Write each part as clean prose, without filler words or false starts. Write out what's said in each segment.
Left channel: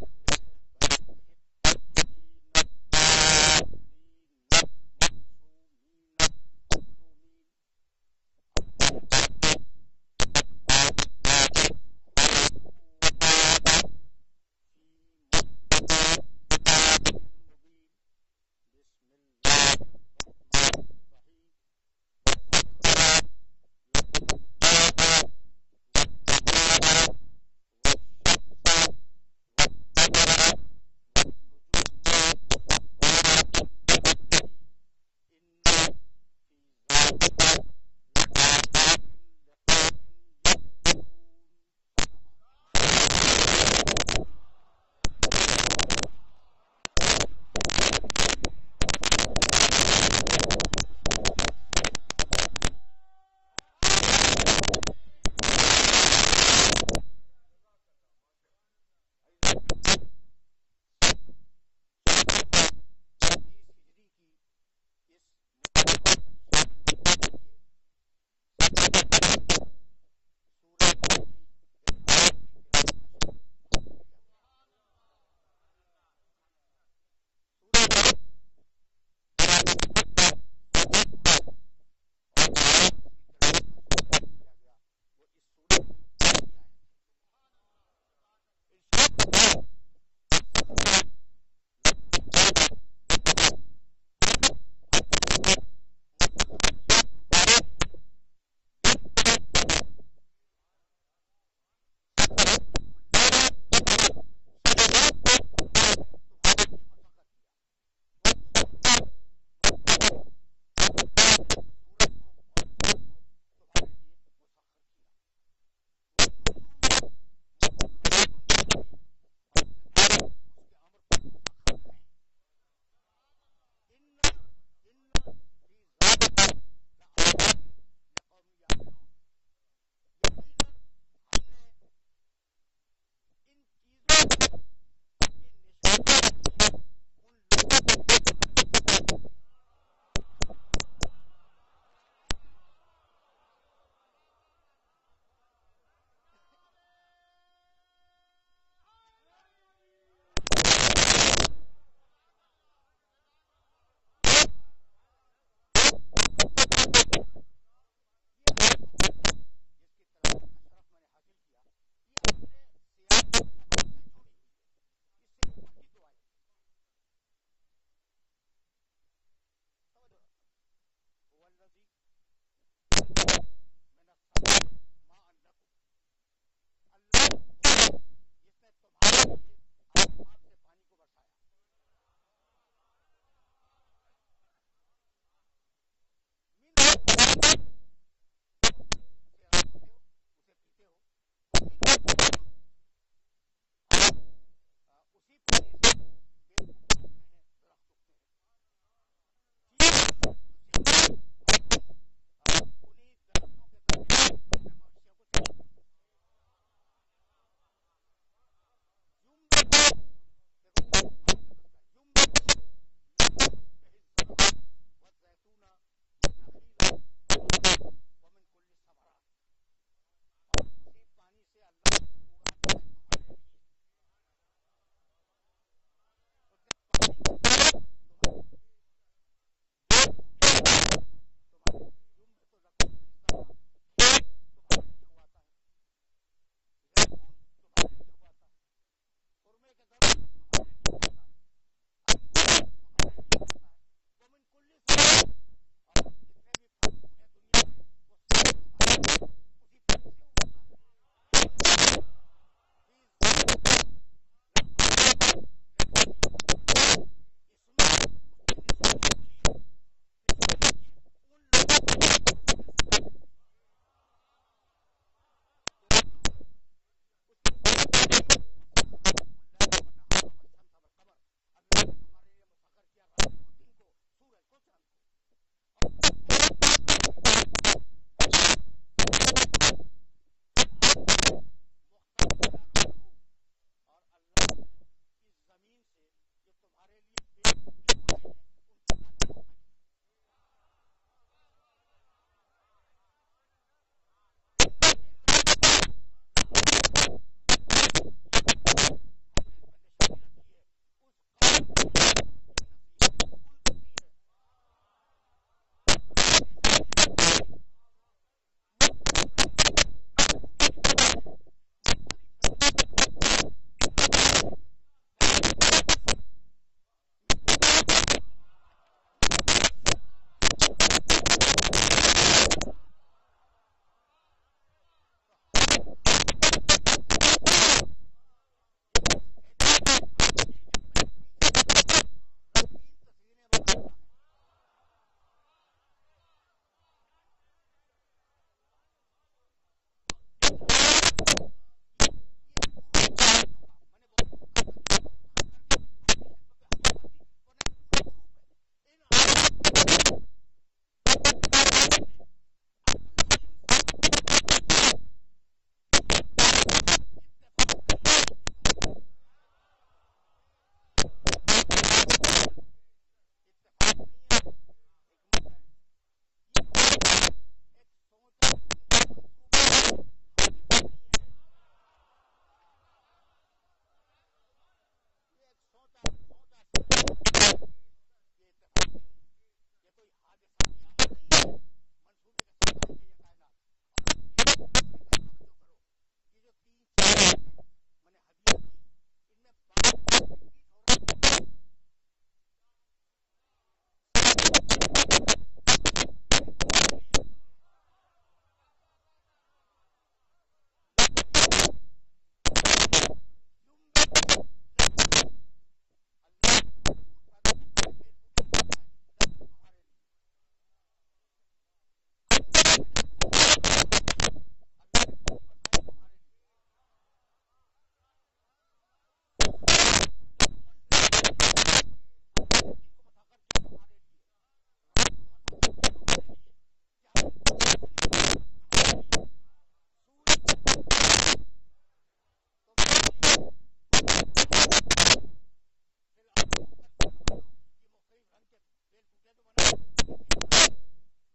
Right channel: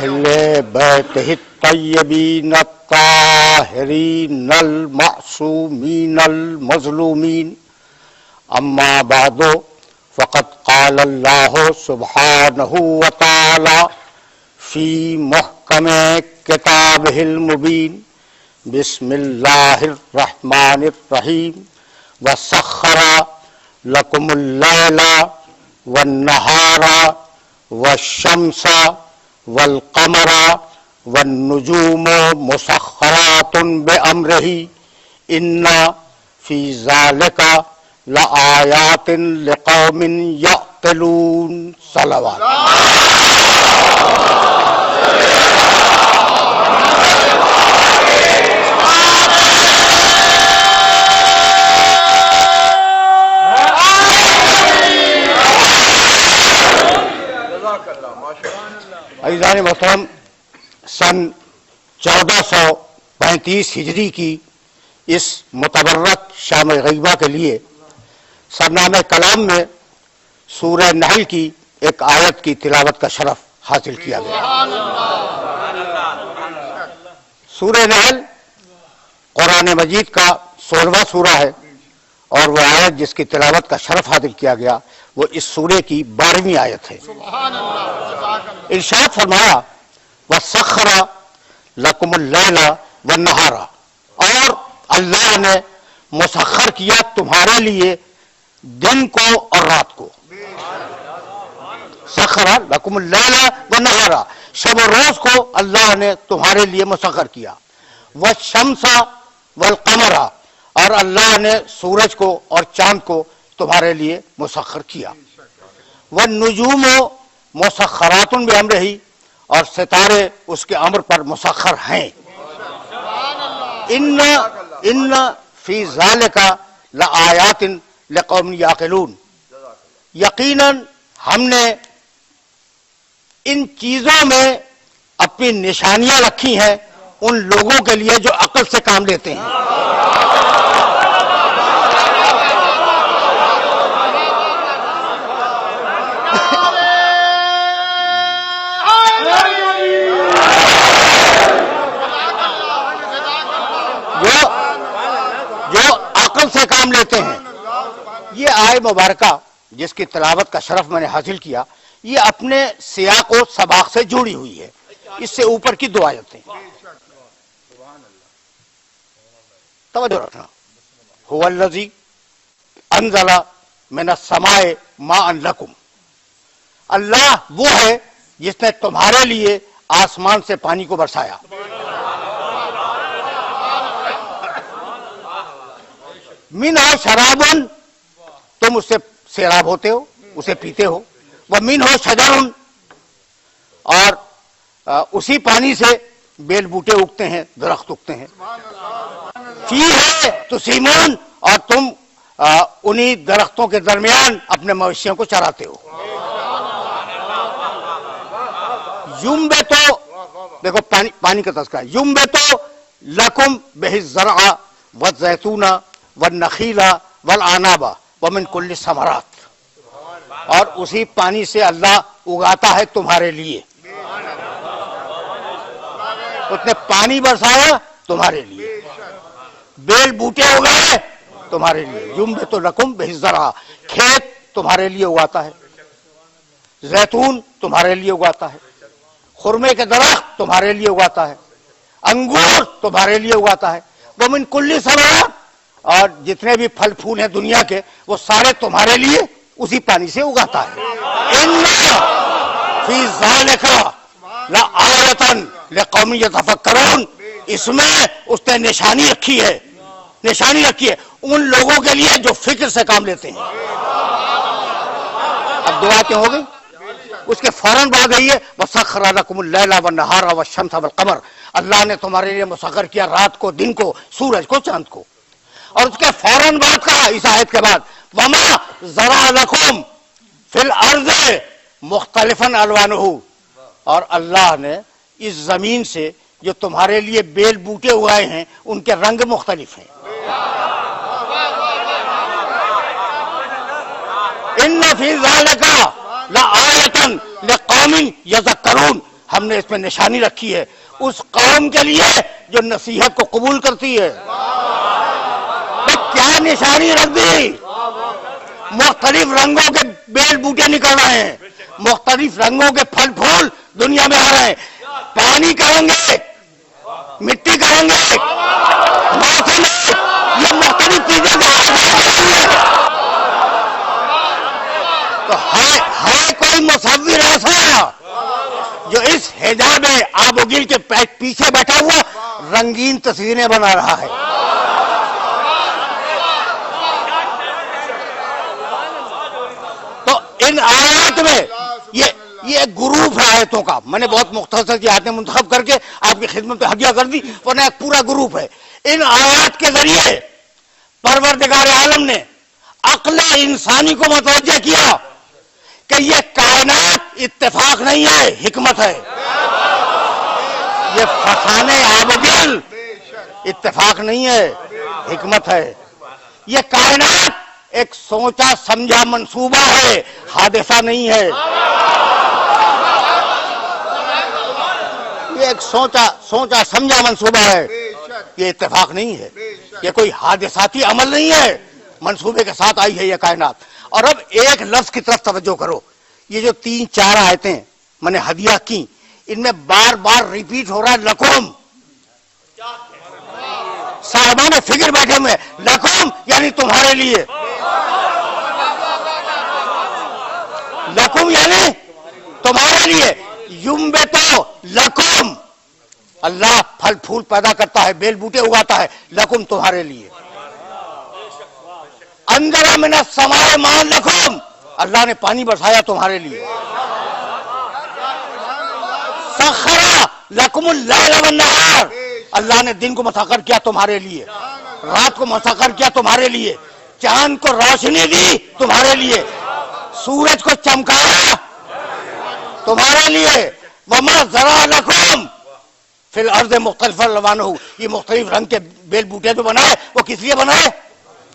اہل بیتہ الطیبین الطاہرین المعصومین المظلومین اما بعد فقد قال اللہ سبحانہ وتعالی فی محکم کتابہ المبین بسم اللہ الرحمن الرحیم وسخر لکم اللیل والنہار والشمس والقمر والنجوم مسخرات بأمرہ ان فی ذالک لآیات لقوم یعقلون صلوات. عزیزان محترم، سن 1435 ہجری کی اس متبرک شام غیبہ کے لیے سرنامہ کلام میں سورہ نحل کی ایک آیت کی تلاوت کا شرف حاصل کیا گیا. سورہ نحل قرآن مجید کا 16واں سورہ ہے اور وہ آیت جس کی تلاوت کا شرف حاصل کیا گیا وہ اس سورے کی 12ویں آیت ہے. ارشاد فرمایا وَسَخَّرَ لَكُمُ اللَّيْلَ وَالنَّهَارَ، اور اللہ نے مسخر کیا تمہارے لیے دن کو اور رات کو. سخر لکم اللیل والنہار، شب و روز کو اللہ نے تمہارے لیے مسخر کیا. والشمس والقمر، اور اللہ نے سورج کو اور چاند کو تمہارے لیے مسخر کیا. والنجوم مسخرات بامرہ، اور ستارے اس کے امر پر مسخر ہیں. ان فی ذالک لآیات لقوم یعقلون، یقیناً ہم نے ان چیزوں میں اپنی نشانیاں رکھی ہیں ان لوگوں کے لیے جو عقل سے کام لیتے ہیں. جو عقل سے کام لیتے ہیں. یہ آیت مبارکہ جس کی تلاوت کا شرف میں نے حاصل کیا یہ اپنے سیاق و سباق سے جڑی ہوئی ہے. اس سے اوپر کی 2 آیتیں توجہ رکھنا. هو الذی انزل من السماء ماء لکم، اللہ وہ ہے جس نے تمہارے لیے آسمان سے پانی کو برسایا. منہ شراب، تم اس سے سیراب ہوتے ہو، اسے پیتے ہو. ومنہ شجر، اور اسی پانی سے بیل بوٹے اگتے ہیں، درخت اگتے ہیں. فیہ تسیمون، اور تم انہی درختوں کے درمیان اپنے مویشیوں کو چراتے ہو. یمبتو، دیکھو پانی کا تذکرہ، یمبتو لکم بہ الزرع والزیتون والنخیل والعناب ومن کل الثمرات، اور اسی پانی سے اللہ اگاتا ہے تمہارے لیے. اس نے پانی برسایا تمہارے لیے، بیل بوٹے اگائے تمہارے لیے. یمبت لکم بہ الزرع، کھیت تمہارے لیے اگاتا ہے، زیتون تمہارے لیے اگاتا ہے، خرمے کے درخت تمہارے لیے اگاتا ہے، انگور تمہارے لیے اگاتا ہے. ومن کل ثمرات، اور جتنے بھی پھل پھول ہیں دنیا کے وہ سارے تمہارے لیے اسی پانی سے اگاتا ہے. ان فی ذالک لآیۃ لقوم یتفکرون، اس میں اس نے نشانی رکھی ہے ان لوگوں کے لیے جو فکر سے کام لیتے ہیں. اب 2 آیتیں ہو گئی، اس کے فوراً بعد آئی ہے وَسَخَّرَ لَكُمُ اللَّيْلَ وَالنَّهَارَ وَالشَّمْسَ وَالْقَمَرَ، اللہ نے تمہارے لیے مسخر کیا رات کو، دن کو، سورج کو، چاند کو. اور اس کے فوراً بعد کہا اس آیت کے بعد وَمَا زَرَعَ لَكُمْ فِي الْأَرْضِ مُخْتَلِفًا أَلْوَانُهُ، اور اللہ نے اس زمین سے جو تمہارے لیے بیل بوٹے اگائے ہیں ان کے رنگ مختلف ہیں. ان فی ذالک لآیۃ لقوم یذکرون، ہم نے اس میں نشانی رکھی ہے اس قوم کے لیے جو نصیحت کو قبول کرتی ہے. کیا نشانی رکھ دی؟ مختلف رنگوں کے بیل بوٹے نکل رہے ہیں, مختلف رنگوں کے پھل پھول دنیا میں آ رہے ہیں. پانی کہیں گے, مٹی کہیں گے, موسم یہ مختلف چیزیں تو ہے کوئی مصور ایسا جو اس حجاب آب و گل کے پیچھے بیٹھا ہوا رنگین تصویریں بنا رہا ہے؟ تو ان آیات میں یہ ایک گروپ ہے آیتوں کا. میں نے بہت مختصر کی آیتیں منتخب کر کے آپ کی خدمت میں ہدیہ کر دی, ورنہ ایک پورا گروپ ہے. ان آیات کے ذریعے پروردگار عالم نے عقل انسانی کو متوجہ کیا کہ یہ کائنات اتفاق نہیں ہے, حکمت ہے. یہ فسانے آب و گل اتفاق نہیں ہے, حکمت ہے. یہ کائنات ایک سوچا سمجھا منصوبہ ہے, حادثہ نہیں ہے. یہ ایک سوچا سمجھا منصوبہ ہے, یہ اتفاق نہیں ہے. یہ کوئی حادثاتی عمل نہیں ہے, منصوبے کے ساتھ آئی ہے یہ کائنات. اور اب ایک لفظ کی طرف توجہ کرو. یہ جو 3-4 آیتیں میں نے ہدیہ کی, ان میں بار بار ریپیٹ ہو رہا ہے لکم. صاحبان فکر بیٹھے ہوئے, لکم یعنی تمہارے لیے, لکم یعنی تمہارے لیے. ینبتو لکم, اللہ پھل پھول پیدا کرتا ہے, بیل بوٹے اگاتا ہے, لکم تمہارے لیے. انزل من السماء ماء لکم, اللہ نے پانی برسایا تمہارے لیے. سخر لکم اللیل والنہار, اللہ نے دن کو مسخر کیا تمہارے لیے, رات کو مسخر کیا تمہارے لیے. چاند کو روشنی دی تمہارے لیے, سورج کو چمکایا تمہارے لیے. وما ذرا لکم فی الارض مختلف الوانہ, یہ مختلف رنگ کے بیل بوٹے جو بنائے وہ کس لیے بنائے؟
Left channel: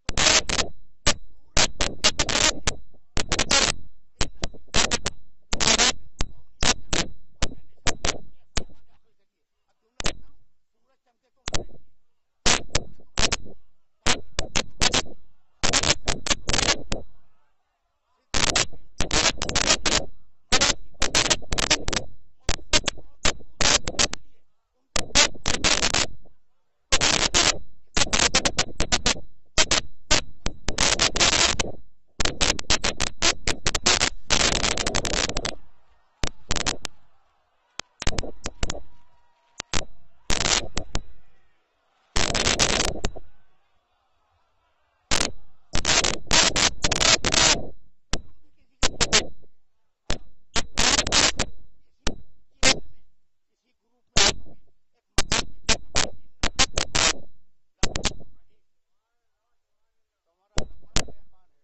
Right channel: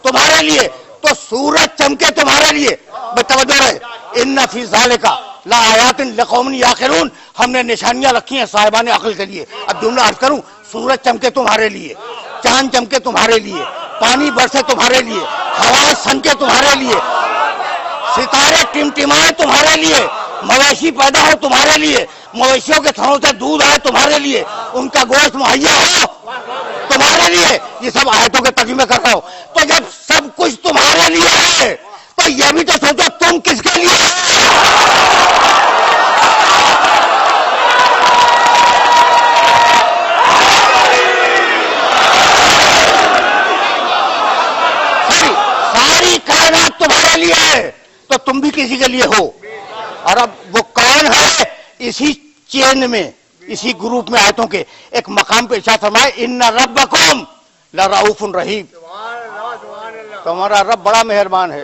تمہارے لیے. تو سورج چمکے تمہارے لیے, بتوجہ رہے. ان فی ذالک لآیات لقوم یعقلون, ہم نے نشانیاں رکھی ہیں صاحبان عقل کے لیے. اب جملہ عرض کروں, سورج چمکے تمہارے لیے, چاند چمکے تمہارے لیے, پانی برسے تمہارے لیے, ہوا سنکے تمہارے لیے, ستارے ٹمٹمائے تمہارے لیے, مویشی پیدا ہو تمہارے لیے, مویشیوں کے تھنوں سے دودھ آئے تمہارے لیے, ان کا گوشت مہیا ہو تمہارے لیے. یہ سب آیتوں کے ترجمے کر رہا ہوں. تو جب سب کچھ تمہارے لیے ہے تو یہ بھی تو سوچو تم کس کے لیے ساری کائنات تمہارے لیے ہے تو تم بھی کسی کے لیے ہو. اور اب وہ کون ہے؟ اسی چین میں, اسی گروپ میں آیتوں کے ایک مقام پہ ارشاد فرمائے, ان ربکم لرؤوف رحیم, تمہارا رب بڑا مہربان ہے,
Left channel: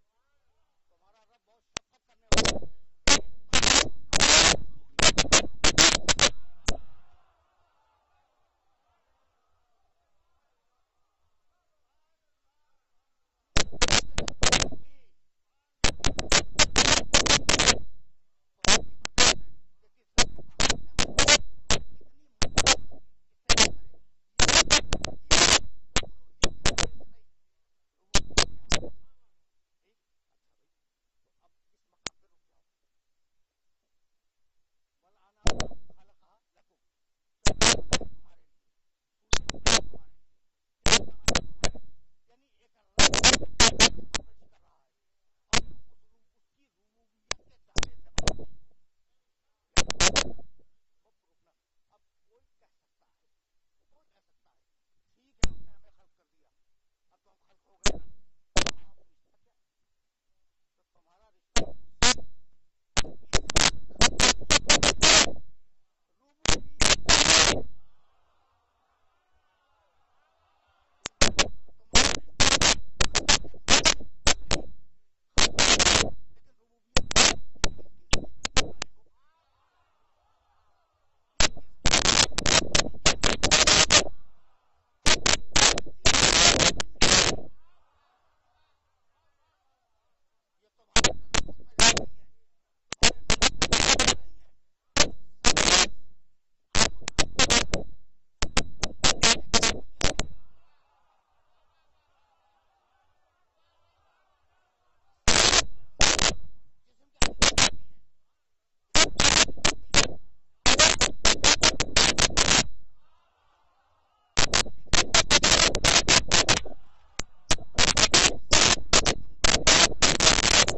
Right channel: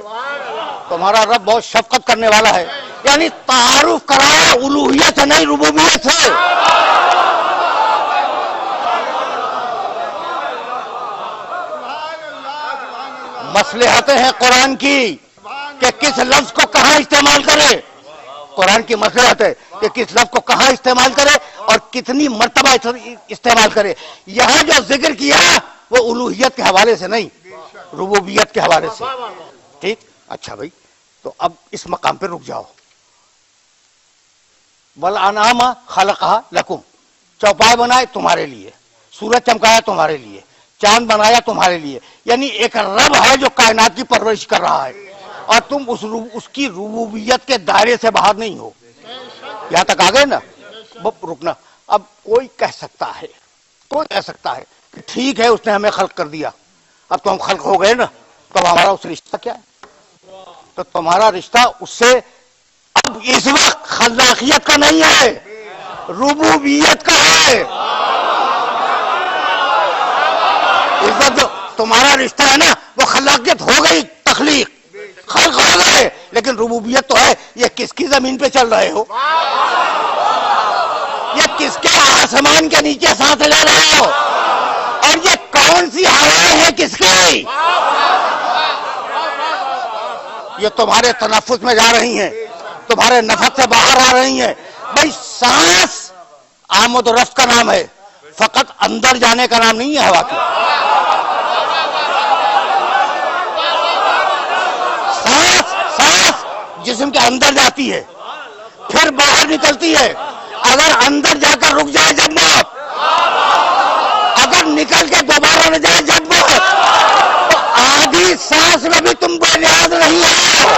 تمہارا رب بہت شفقت کرنے والا ہے. یعنی تعارف کرایا الوہیت سے نہیں, ربوبیت سے. مصلحتیں ہیں قرآن کی کہ کس لفظ کو کہاں استعمال کرے. قرآن کی مصلحت ہے کہ کس لفظ کو کہاں استعمال کرے اور کتنی مرتبہ استعمال کرے. یہاں جو ذکر کیا وہ الوہیت کے حوالے سے نہیں, ربوبیت کے حوالے سے. ٹھیک, اچھا بھائی, تو اب اس مقام پہ رک جاؤ. والانعام خلقھا لکم, چوپائے بنائے تمہارے لیے, سورج چمکایا تمہارے لیے, چاند بنایا تمہارے لیے. یعنی ایک رب ہے جو کائنات کی پرورش کر رہا ہے اور تم اس کی ربوبیت کے دائرے سے باہر نہیں ہو. یہاں تک آ گئے نا. رکنا. اب کوئی کہہ سکتا ہے کہ ٹھیک ہے اس نے ہمیں خلق کر دیا, اب تو ہم خلق ہو گئے نا, تو ہمارا اس رشتہ کیا ہے؟ تو تمہارا رشتہ اس سے اب اس وقت خلاقیت کا نہیں ہے, ربوبیت کا ہے. اس وقت جو تمہارا رشتہ ہے نا وہ خلاقیت ہو گئی, تخلیق, خلق ہو گئے, لیکن ربوبیت تو ہے. یہ کس کی زمین پہ چل رہے ہو؟ یہ کس کے آسمان کے نیچے سانس لے رہے ہو؟ اور یہ کون سی ہوائیں ہیں کس کی؟ یہ تمہارے تنفس میں جا رہی ہیں, تمہارے نفس سے باہر آ رہی ہیں. بھائی سانس آمد و رفت کا نام ہے، فقط اندر جانے کا نام نہیں ہے ہوا کی. سانس جسم کے اندر جاتی ہے پھر باہر نکلتی ہے. اگر اندر جا کر رک جائے جب موت، اگر نکل کے دوبارہ نہ جائے جب موت، تو آدھی سانس میں بھی تم بے نیاز نہیں ہو.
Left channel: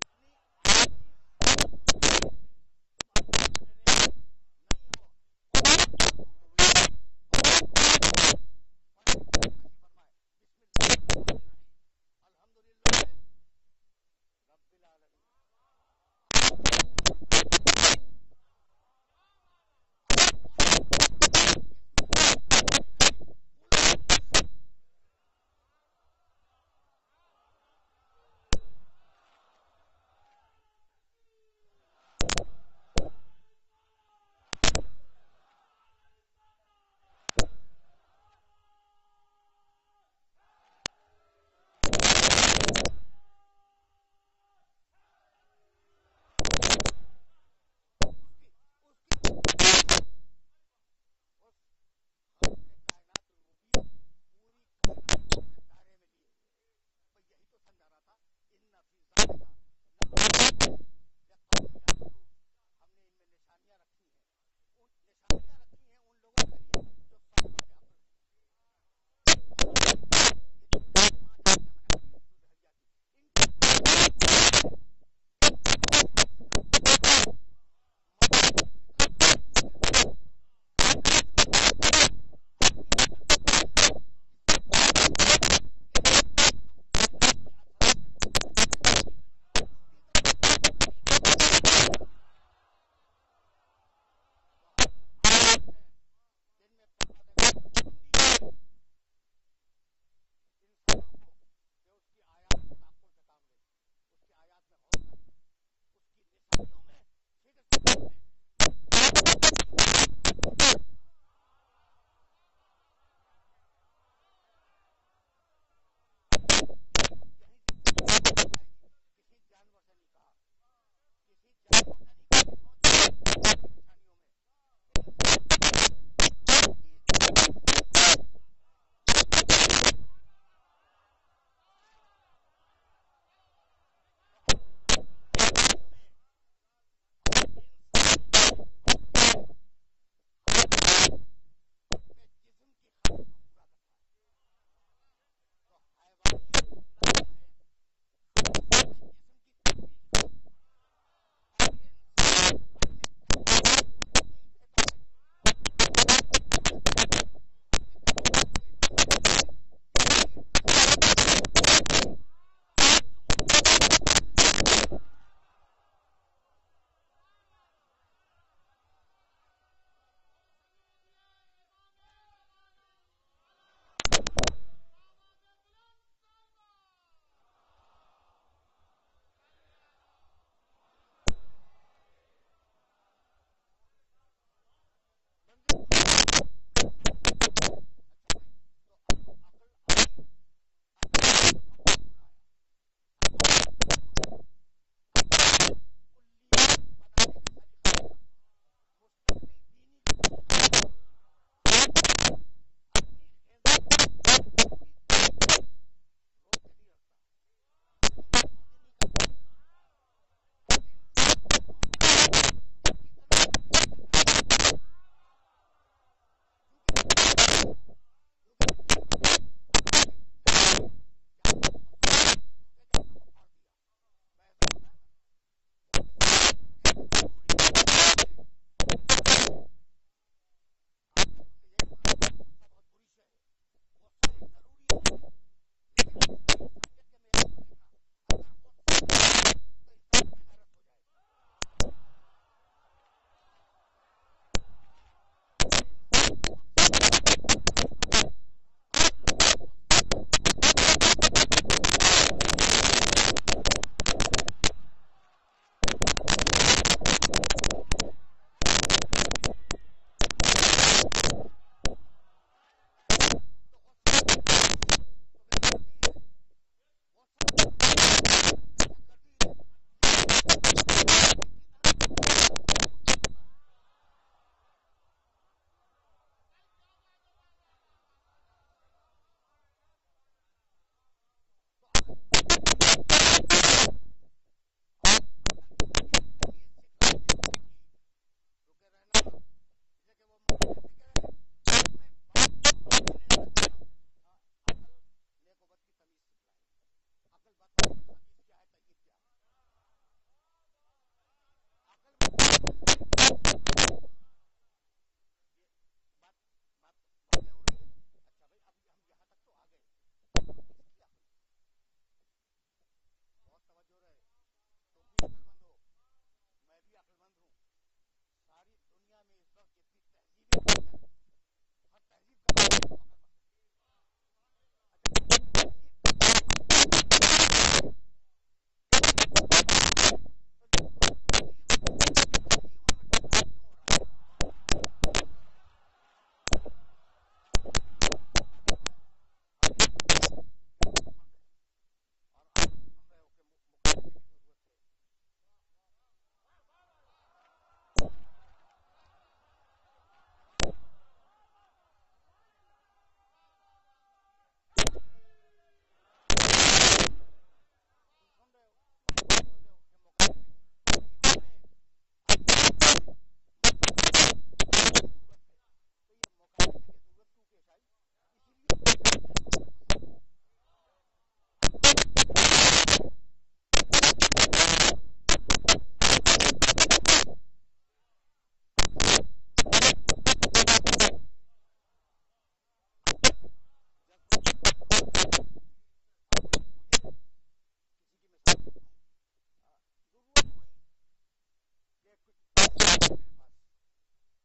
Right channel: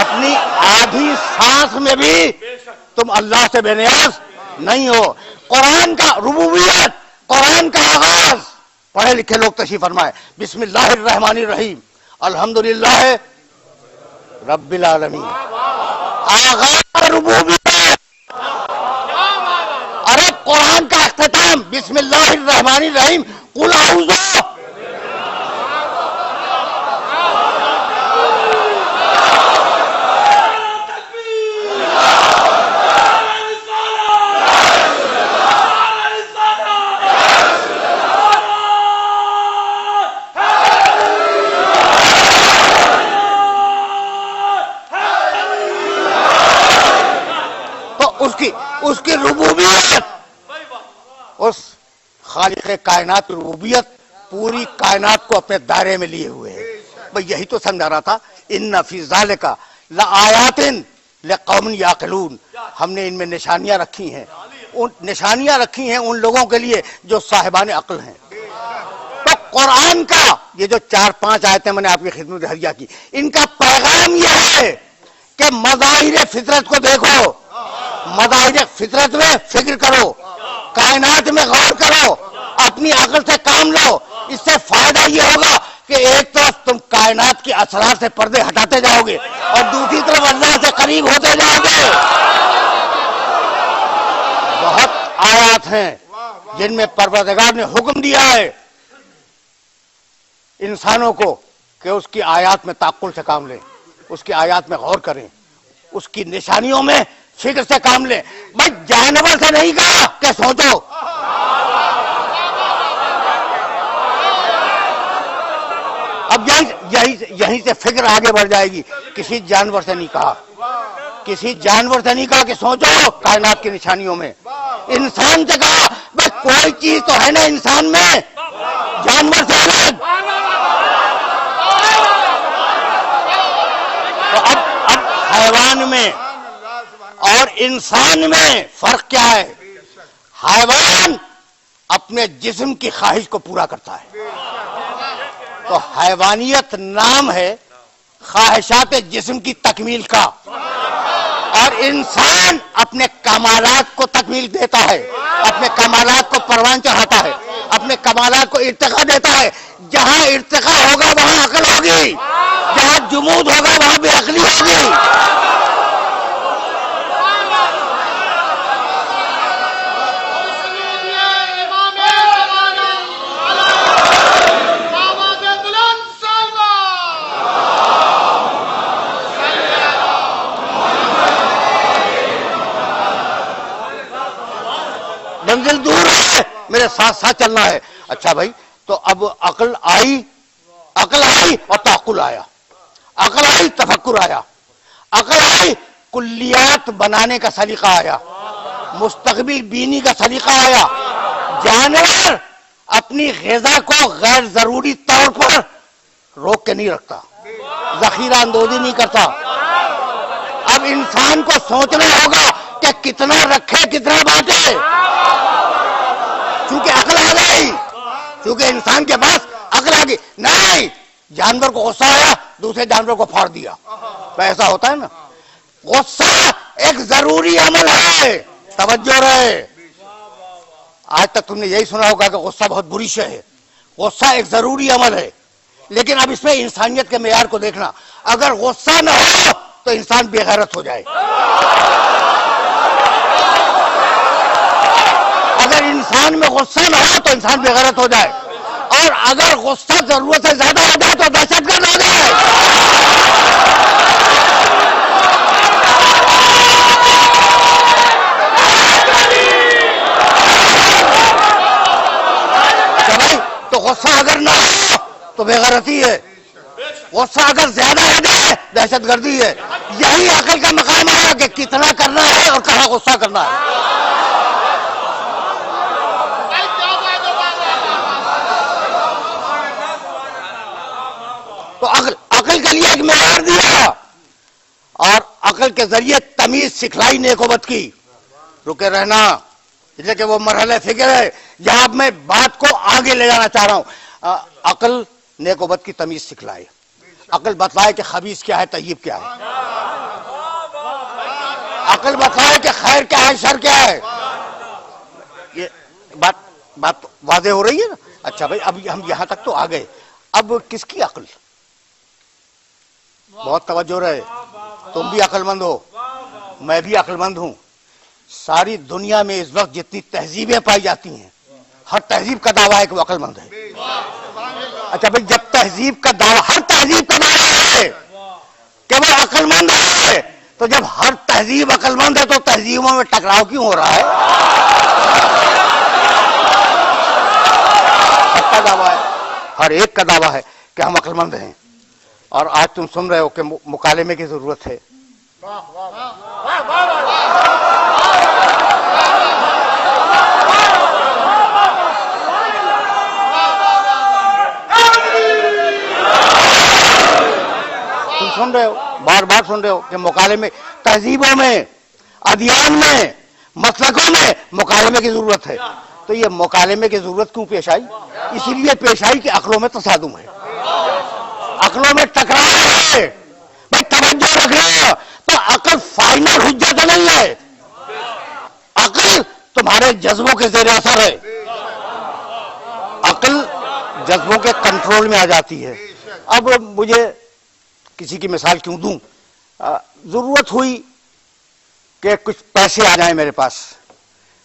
اپنی آدھی سانس میں بھی تم اللہ سے بے نیاز نہیں ہو. قرآن کا ربوبیت، قرآن کا آغاز پڑھے لکھے لوگ تشریف فرمائے. بسم اللہ الرحمن الرحیم، الحمدللہ رب العالمین. آغاز ربوبیت. ارے قرآن کا اختتام بسم اللہ الرحمن الرحیم، قل اعوذ. اس کی ربوبیت، اس خالق کائنات کی ربوبیت پوری کائنات کو اپنے دائرے میں لیے ہوئے ہے. بھئی یہی تو سمجھا رہا تھا، ان فی ذالک لآیات لقوم یعقلون. ہم نے ان میں نشانیاں رکھی ہیں، نشانیاں رکھی ہیں ان لوگوں کے لیے جو صاحبان عقل ہیں. تو قرآن کا یہ جو 4-5 آیتیں میں نے آپ کی خدمت حریہ کی، ان کا پیغام یہ ہے کہ مظاہر فطرت کو دیکھو، مظاہر فطرت میں فکر کرو، کائنات میں غور کرو، اپنی عقل سے کام لو. اس سے فائدہ یہ ہوگا کہ ایک طرف تم کائنات کی اسرار سے پردے ہٹاتے جاؤ گے اور دوسری طرف اللہ سے قریب ہوتے جاؤ گے. بہت آیات ہیں جن میں پروردگار نے حکم دیا ہے انسانوں کو کہ اس کی آیات میں تعقل سے کام لیں، اس کی آیات میں غور کریں، اس کی نشانیوں میں فکر سے کام لیں. بھائی جانور سے نہیں کہا کہ سوچو، اب یہیں سے فکر آگے بڑھ جائے گی. کسی جانور سے نہیں کہا، کسی جانور سے نہیں کہا کہ سوچو کائنات کی نشانیوں میں. انسان سے کہا بھائی کوئی چیز تو ہے نا انسان میں جانور سے الگ. تو اب حیوان میں اور انسان میں فرق کیا ہے؟ حیوان اپنے جسم کی خواہش کو پورا کرتا ہے، تو حیوانیت نام ہے خواہشات جسم کی تکمیل کا، اور انسان اپنے کمالات کو تکمیل دیتا ہے، اپنے کمالات کو پروان چڑھاتا ہے، اپنے کمالات کو ارتقا دیتا ہے. جہاں ارتقا ہوگا وہاں عقل ہوگی، جہاں جمود ہوگا وہاں بے عقلی ہوگی. منزل دور ہے، میرے ساتھ ساتھ چلنا ہے. اچھا بھائی، تو اب عقل آئی اور تعقل آیا، عقل آئی تفکر آیا، عقل آئی کلیات بنانے کا سلیقہ آیا، مستقبل بینی کا سلیقہ آیا. جانور اپنی غذا کو غیر ضروری طور پر روک کے نہیں رکھتا، ذخیرہ اندوزی نہیں کرتا. اب انسان کو سوچنا ہوگا کہ کتنا رکھے کتنا بانٹے، چونکہ عقل آ گئی، چونکہ انسان کے پاس عقل آ گئی. نہیں، جانور کو غصہ آیا دوسرے جانور کو پھاڑ دیا، تو ایسا ہوتا ہے نا. غصہ ایک ضروری عمل ہے، توجہ رہے. آج تک تم نے یہی سنا ہوگا کہ غصہ بہت بری شے ہے. غصہ ایک ضروری عمل ہے، لیکن اب اس میں انسانیت کے معیار کو دیکھنا. اگر غصہ نہ ہو تو انسان بے غیرت ہو جائے، اگر انسان میں غصہ نہ ہو تو انسان بے غیرت ہو جائے، اور اگر غصہ ضرورت سے زیادہ ہو جائے تو دہشت گرد ہو جائے. تو غصہ اگر نہ ہو تو بے غیرتی ہے، غصہ اگر زیادہ ہو جائے دہشت گردی ہے. یہی عقل کا مقام ہے کہ کتنا کرنا ہے اور کہاں غصہ کرنا ہے. تو عقل کے لیے ایک معیار دیا اور عقل کے ذریعے تمیز سکھلائی نیکوبت کی. رکے رہنا، جیسے کہ وہ مرحلہ فکر ہے جہاں میں بات کو آگے لے جانا چاہ رہا ہوں. عقل نیکوبت کی تمیز سکھلائے، عقل بتلائے کہ خبیث کیا ہے طیب کیا ہے، عقل بتلائے کہ خیر کیا ہے شر کیا ہے. یہ بات واضح ہو رہی ہے نا؟ اچھا بھائی، اب ہم یہاں تک تو آ گئے. اب کس کی عقل؟ بہت توجہ رہے، تم بھی عقل مند ہو، میں بھی عقل مند ہوں. ساری دنیا میں اس وقت جتنی تہذیبیں پائی جاتی ہیں، ہر تہذیب کا دعویٰ ہے کہ وہ عقل مند ہے. اچھا بھائی، جب تہذیب کا دعویٰ، ہر تہذیب کا دعویٰ ہے کہ وہ عقل مند ہے، تو جب ہر تہذیب عقل مند ہے تو تہذیبوں میں ٹکراؤ کیوں ہو رہا ہے؟ سب کا دعویٰ ہے، ہر ایک کا دعویٰ ہے کہ ہم عقل مند ہیں. اور آج تم سن رہے ہو کہ مکالمے کی ضرورت ہے. تم سن رہے ہو، بار بار سن رہے ہو کہ مکالمے، تہذیبوں میں، ادیان میں، مسلکوں میں مکالمے کی ضرورت ہے. تو یہ مکالمے کی ضرورت کیوں پیش آئی؟ اسی لیے پیش آئی کہ عقلوں میں تصادم ہے، عقلوں میں ٹکراؤ ہے. بھائی توجہ رکھنا، تو عقل فائنل حجت نہیں ہے، عقل تمہارے جذبوں کے زیر اثر ہے. عقل جذبوں کے کنٹرول میں آ جاتی ہے. اب مجھے کسی کی مثال کیوں دوں، ضرورت ہوئی کہ کچھ پیسے آ جائیں میرے پاس،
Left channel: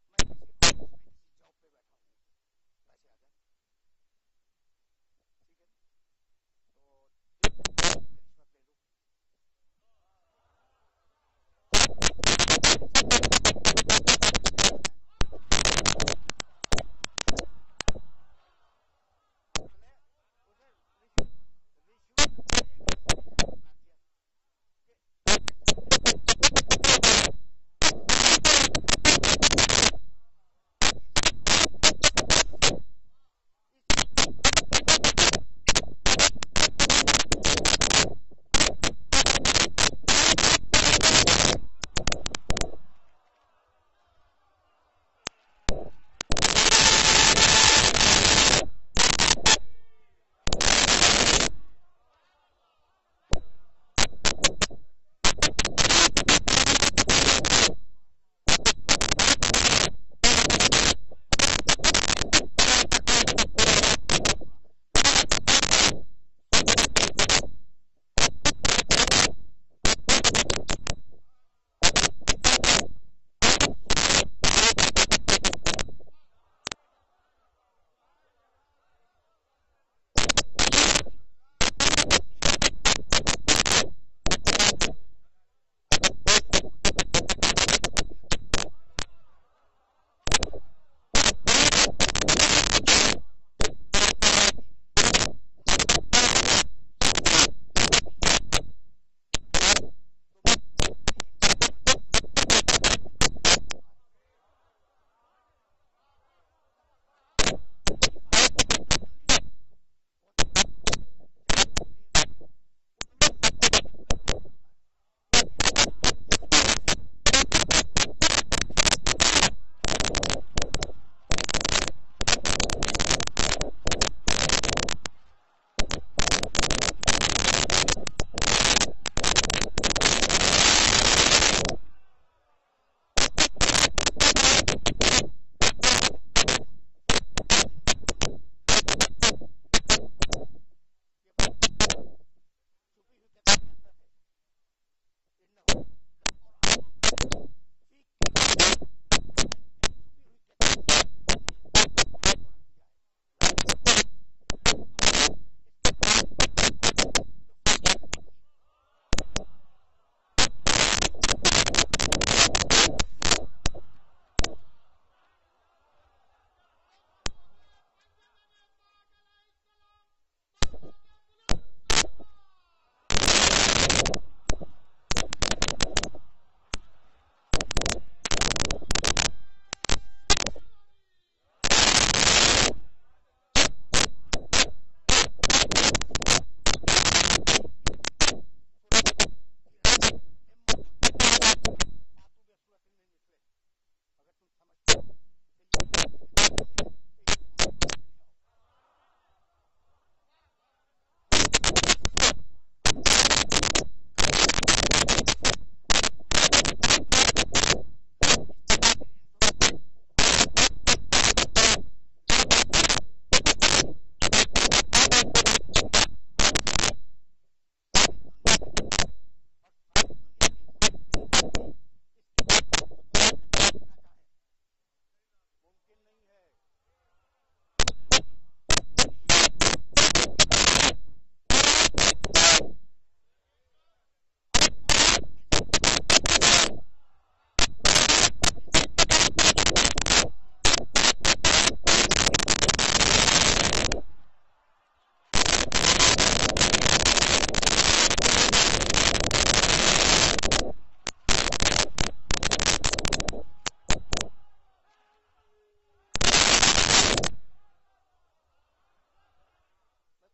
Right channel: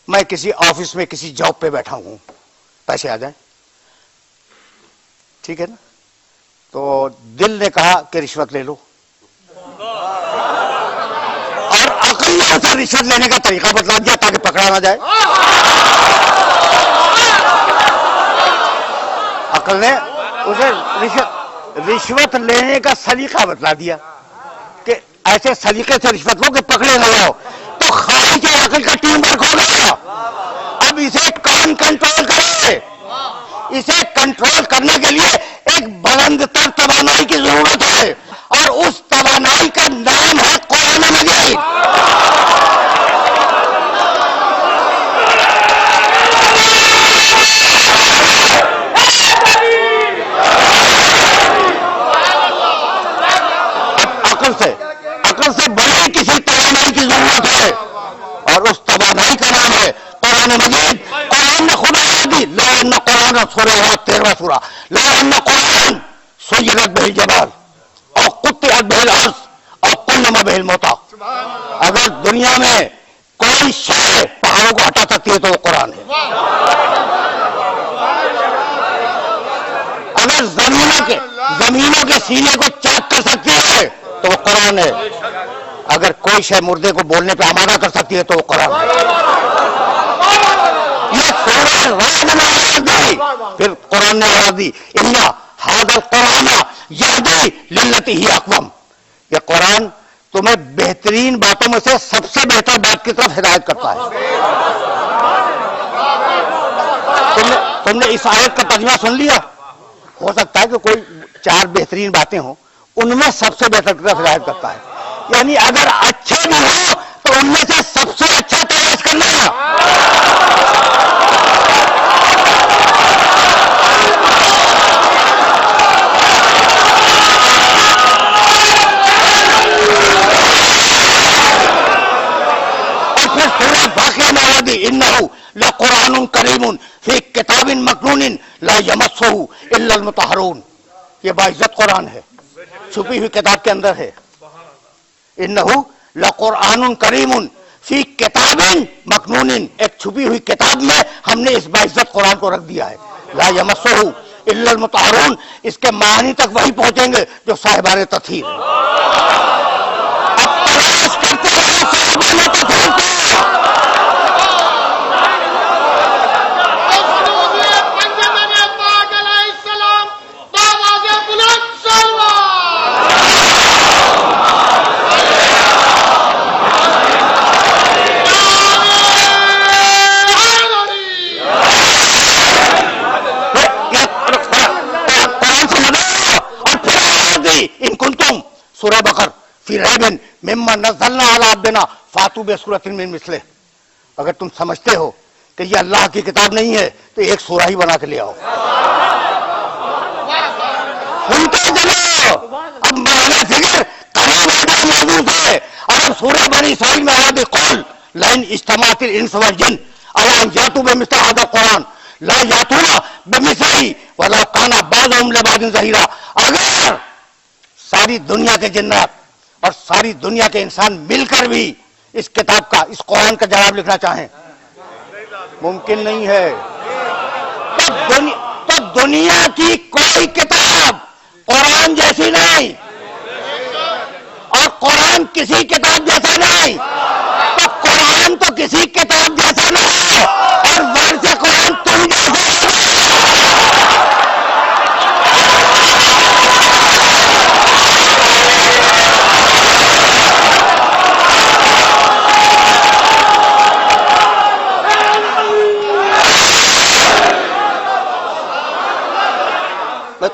میں کسی آفس میں کسی جاب پہ بیٹھا ہوں، پیسے آ جائیں، ٹھیک ہے نا؟ تو دل نے کہا کہ رشوت لے لو، اور عقل نے اسے رشوت لینے کا طریقہ بتلا دیا تاکہ پکڑا نہ جائے. عقل نے اسے رشوت لینے کا سلیقہ بتلا دیا کہ ایسے سلیقے سے رشوت لو کہ پکڑے نہ جاؤ. تو خارج عقل کا ٹیم ورک ہو گیا. اب اسے کون کنٹرول کرے؟ اسے کنٹرول کرنے کے لیے ایک بلند تر توانائی کی ضرورت ہے، اور اس توانائی کا نام ہے قرآن مجید. عقل سے بڑی کسی توانائی کی ضرورت ہے، اور اس توانائی کا نام ہے قرآن مجید. قرآن نے خدا دی، لأن قرآن سورہ 13واں سورہ، لأن قرآن سیرت بہ الجبال اور قطعت بہ الارض اور کلم بہ الموتى. اگر دنیا میں کوئی شے پہاڑوں کو ہٹا سکتی ہے تو وہ قرآن ہے. اگر زمینوں کے سینے کو چاک کر سکتی ہے تو وہ قرآن ہے. اگر کوئی شے مردے کو بولنے پہ آمادہ کر سکتی ہے تو وہ قرآن ہے. یہ پھر قرآن نے آواز دی، اِنَّ هَذَا الْقُرْآنَ يَهْدِي لِلَّتِي هِيَ أَقْوَمُ. یہ قرآن تمہیں بہترین باتوں میں سے سب سے بہتر بات کی طرف ہدایت کرتا ہے. تم نے اس آیت کا ترجمہ سن لیا؟ ہو سکتا ہے کہ کوئی 4 بہترین باتیں ہوں، ان میں سب سے بہتر کی طرف ہدایت کرتا ہے. یعنی اگر اچھے نہ ہو تو ان میں سے سب سے اچھا تلاش کرنا. اور پھر واقعہ موادی انہو لقرآن کریم فی کتاب مکنون لا یمسہ الا المطہرون. یہ باعزت قرآن ہے، چھپی ہوئی کتاب کے اندر ہے. انہو لقرآن کریم فی کتاب مکنون، ایک چھپی ہوئی کتاب میں ہم نے اس باعزت قرآن کو رکھ دیا ہے. لا یمسہ الا المطہرون، اس کے معنی تک وہی پہنچیں گے جو صاحبان تطہیر ہیں. اب تلاش کرتے ہیں صاحبان تطہیر کو. پنجابی پاک علیہ السلام مما نزلنا علی عبدنا فاتوا بسورۃ من مثلہ. اگر تم سمجھتے ہو کہ یہ اللہ کی کتاب نہیں ہے تو ایک سورہ ہی بنا کے لے آؤ. سنتے چلو اب معنی فکر کلام موجود ہے. اور سورہ بنی اسرائیل میں آیا بقول لئن اجتمعت الانس والجن علی ان یاتوا بمثل هذا القرآن لا یاتون بمثلہ ولو کان بعضهم لبعض ظہیرا. اگر ساری دنیا کے جنات اور ساری دنیا کے انسان مل کر بھی اس کتاب کا اس قرآن کا جواب لکھنا چاہیں ممکن نہیں ہے. تو دنیا کی کوئی کتاب قرآن جیسی نہیں اور قرآن کسی کتاب جیسا نہیں. تو قرآن تو کسی کتاب جیسا نہیں اور ورث قرآن تم جیسا.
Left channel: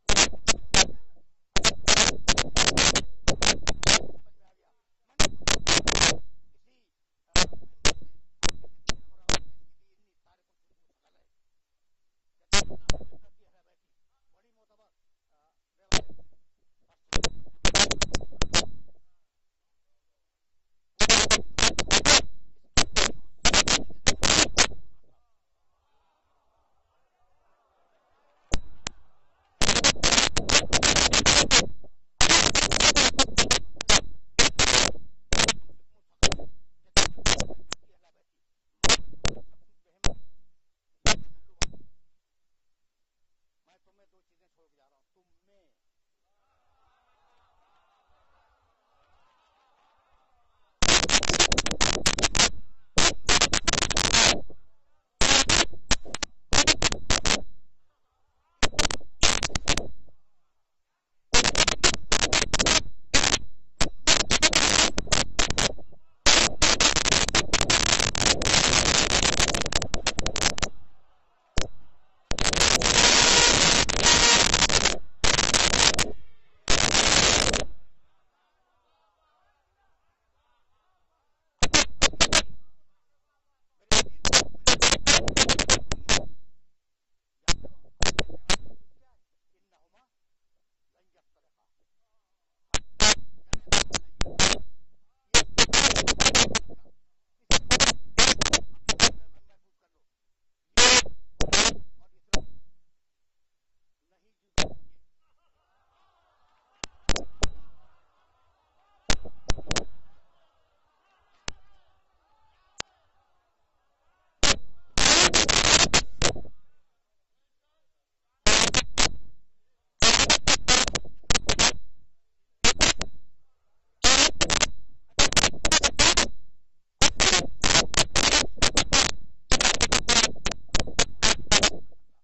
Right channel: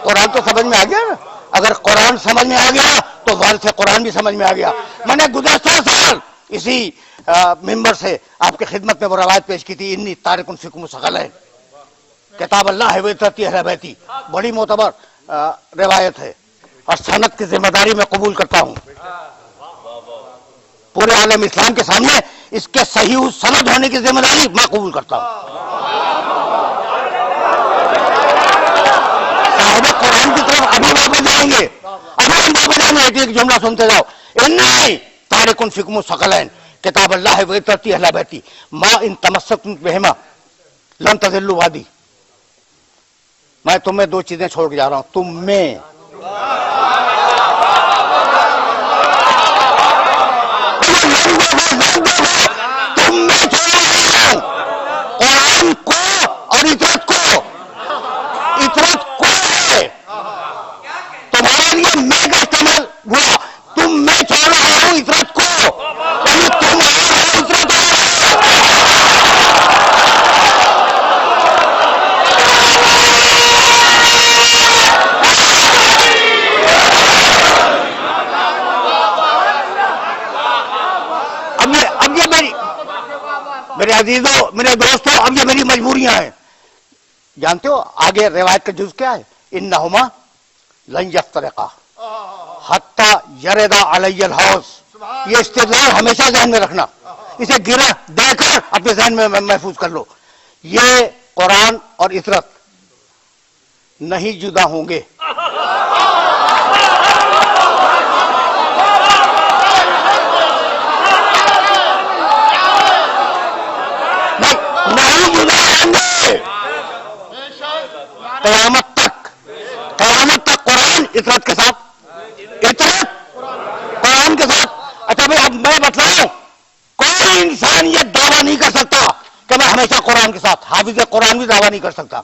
قرآن تو سمجھ میں آ گیا نا. اگر قرآن سمجھ میں آ گیا تو وارث قرآن بھی سمجھ میں آ گیا. میں نے گزشتہ سال اسی ممبر سے آپ کی خدمت میں وہ روایت پیش کی تھی انی تارک فیکم ثقلین کتاب اللہ ہے وطرتی اہل بیتی. بڑی معتبر روایت ہے اور سند کی ذمہ داری میں قبول کرتا ہوں. پورے عالم اسلام کے سامنے اس کے صحیح سند ہونے کی ذمہ داری میں قبول کرتا ہوں. قرآن کی طرف ابھی واپس جائیں گے. ایک جملہ سنتے جاؤ. انی تارک فیکم ثقلین کتاب اللہ ہے وطرتی اہل بیتی ما ان تمسکتم بہما لن تضلوا بعدی. میں تمہیں دو چیزیں چھوڑ کے جا رہا ہوں. تم میں قرآن کو اور اطاعت کو. اطاعت کو ہے تمہارے لیے میں کا استعمال ہوا. تم میں چھوڑ رہا ہوں اطاعت کو. تم اب یہ میرے عزیزوں میرے دوستوں اب یہ میری مجبوریاں ہیں. جانتے ہو آگے روایت کا جز کیا ہے؟ انہما لن یفترقا حتی یرد علی الحوض. یہ استدلال ہمیشہ ذہن میں رکھنا. اسے گرہ دے کر اپنے ذہن میں محفوظ کر لو. یہ قرآن اور اطرت نہیں جدا ہوں گے. نہیں جدا ہوں گے قیامت تک. قیامت تک قرآن اطرت کے ساتھ اطرت قرآن کے ساتھ. اچھا بھائی اب میں بتلاؤں کوئی انسان یہ دعویٰ نہیں کر سکتا کہ میں ہمیشہ قرآن کے ساتھ. حافظ قرآن بھی دعویٰ نہیں کر سکتا.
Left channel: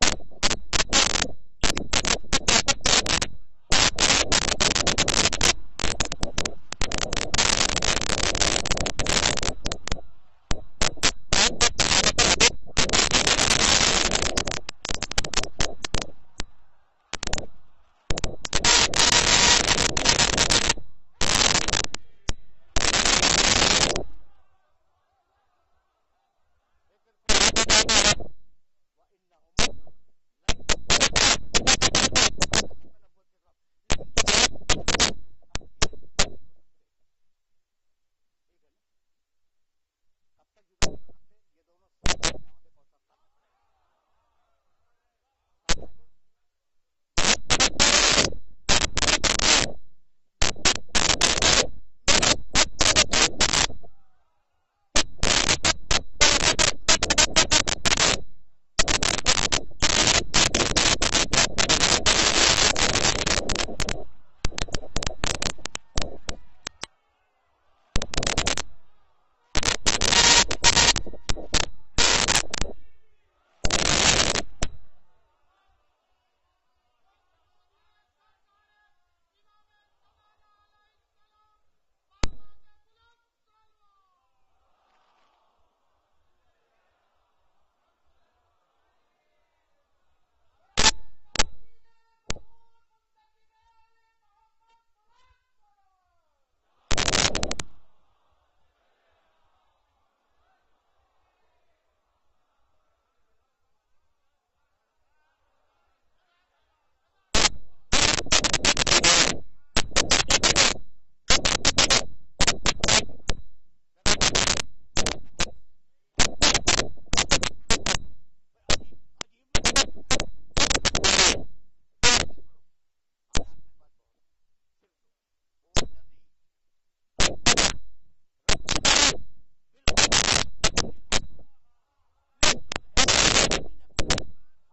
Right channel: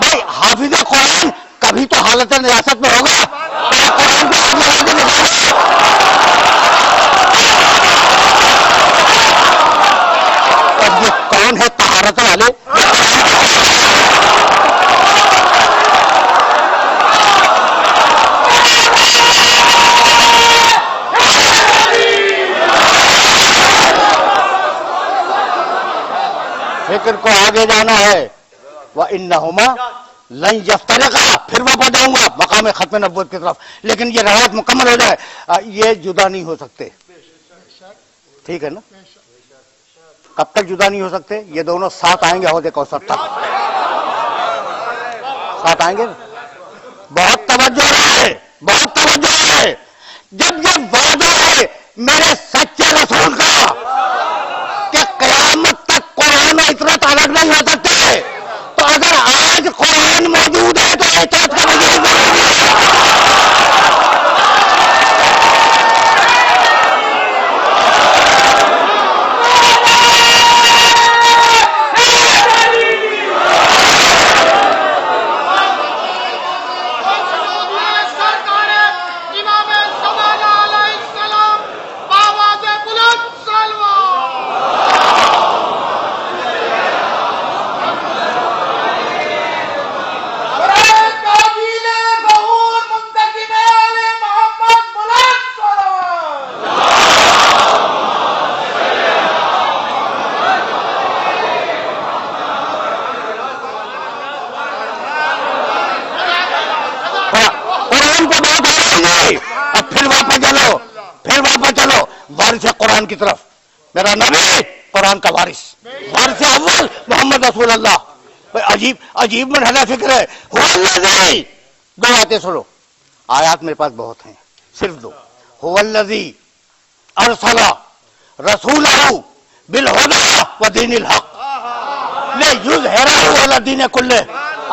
بھائی حافظ قرآن کبھی تو حالت نجاست میں ہوگا. قرآن یہ کون ہے طہارت والے؟ فکر کو آگے جانا ہے. وَإِنَّهُمَا لَن يَفْتَرِقَا. پھر واپس جاؤں گا مقام ختم نبوت کی طرف. لیکن یہ روایت مکمل ہو جائے. یہ جدا نہیں ہو سکتے. ٹھیک ہے نا؟ کب تک جدا نہیں ہو سکتے؟ یہ دونوں ساتھ آئیں گے حوض کوثر تک. ساتھ آئیں گے. بہت توجہ ہے بہت توجہ ہے. جب یہ وعدہ ہے میرے سچے رسول کا کہ قیامت تک قرآن و اطرت الگ نہیں ہو سکتے تو اگر آج قرآن موجود ہے تو اطرت کا وجود امام زمانہ علیہ السلام بابا بلند قرآن کی طرف. میرا نبی قرآن کا وارث اول محمد رسول اللہ. عجیب مرحلہ فکر ہے. دو آیتیں سنو, آیات میرے پاس بہت ہیں, صرف دو. هو الذی ارسل رسولہ بالہدی ودین الحق لیظہرہ علی الدین کلہ.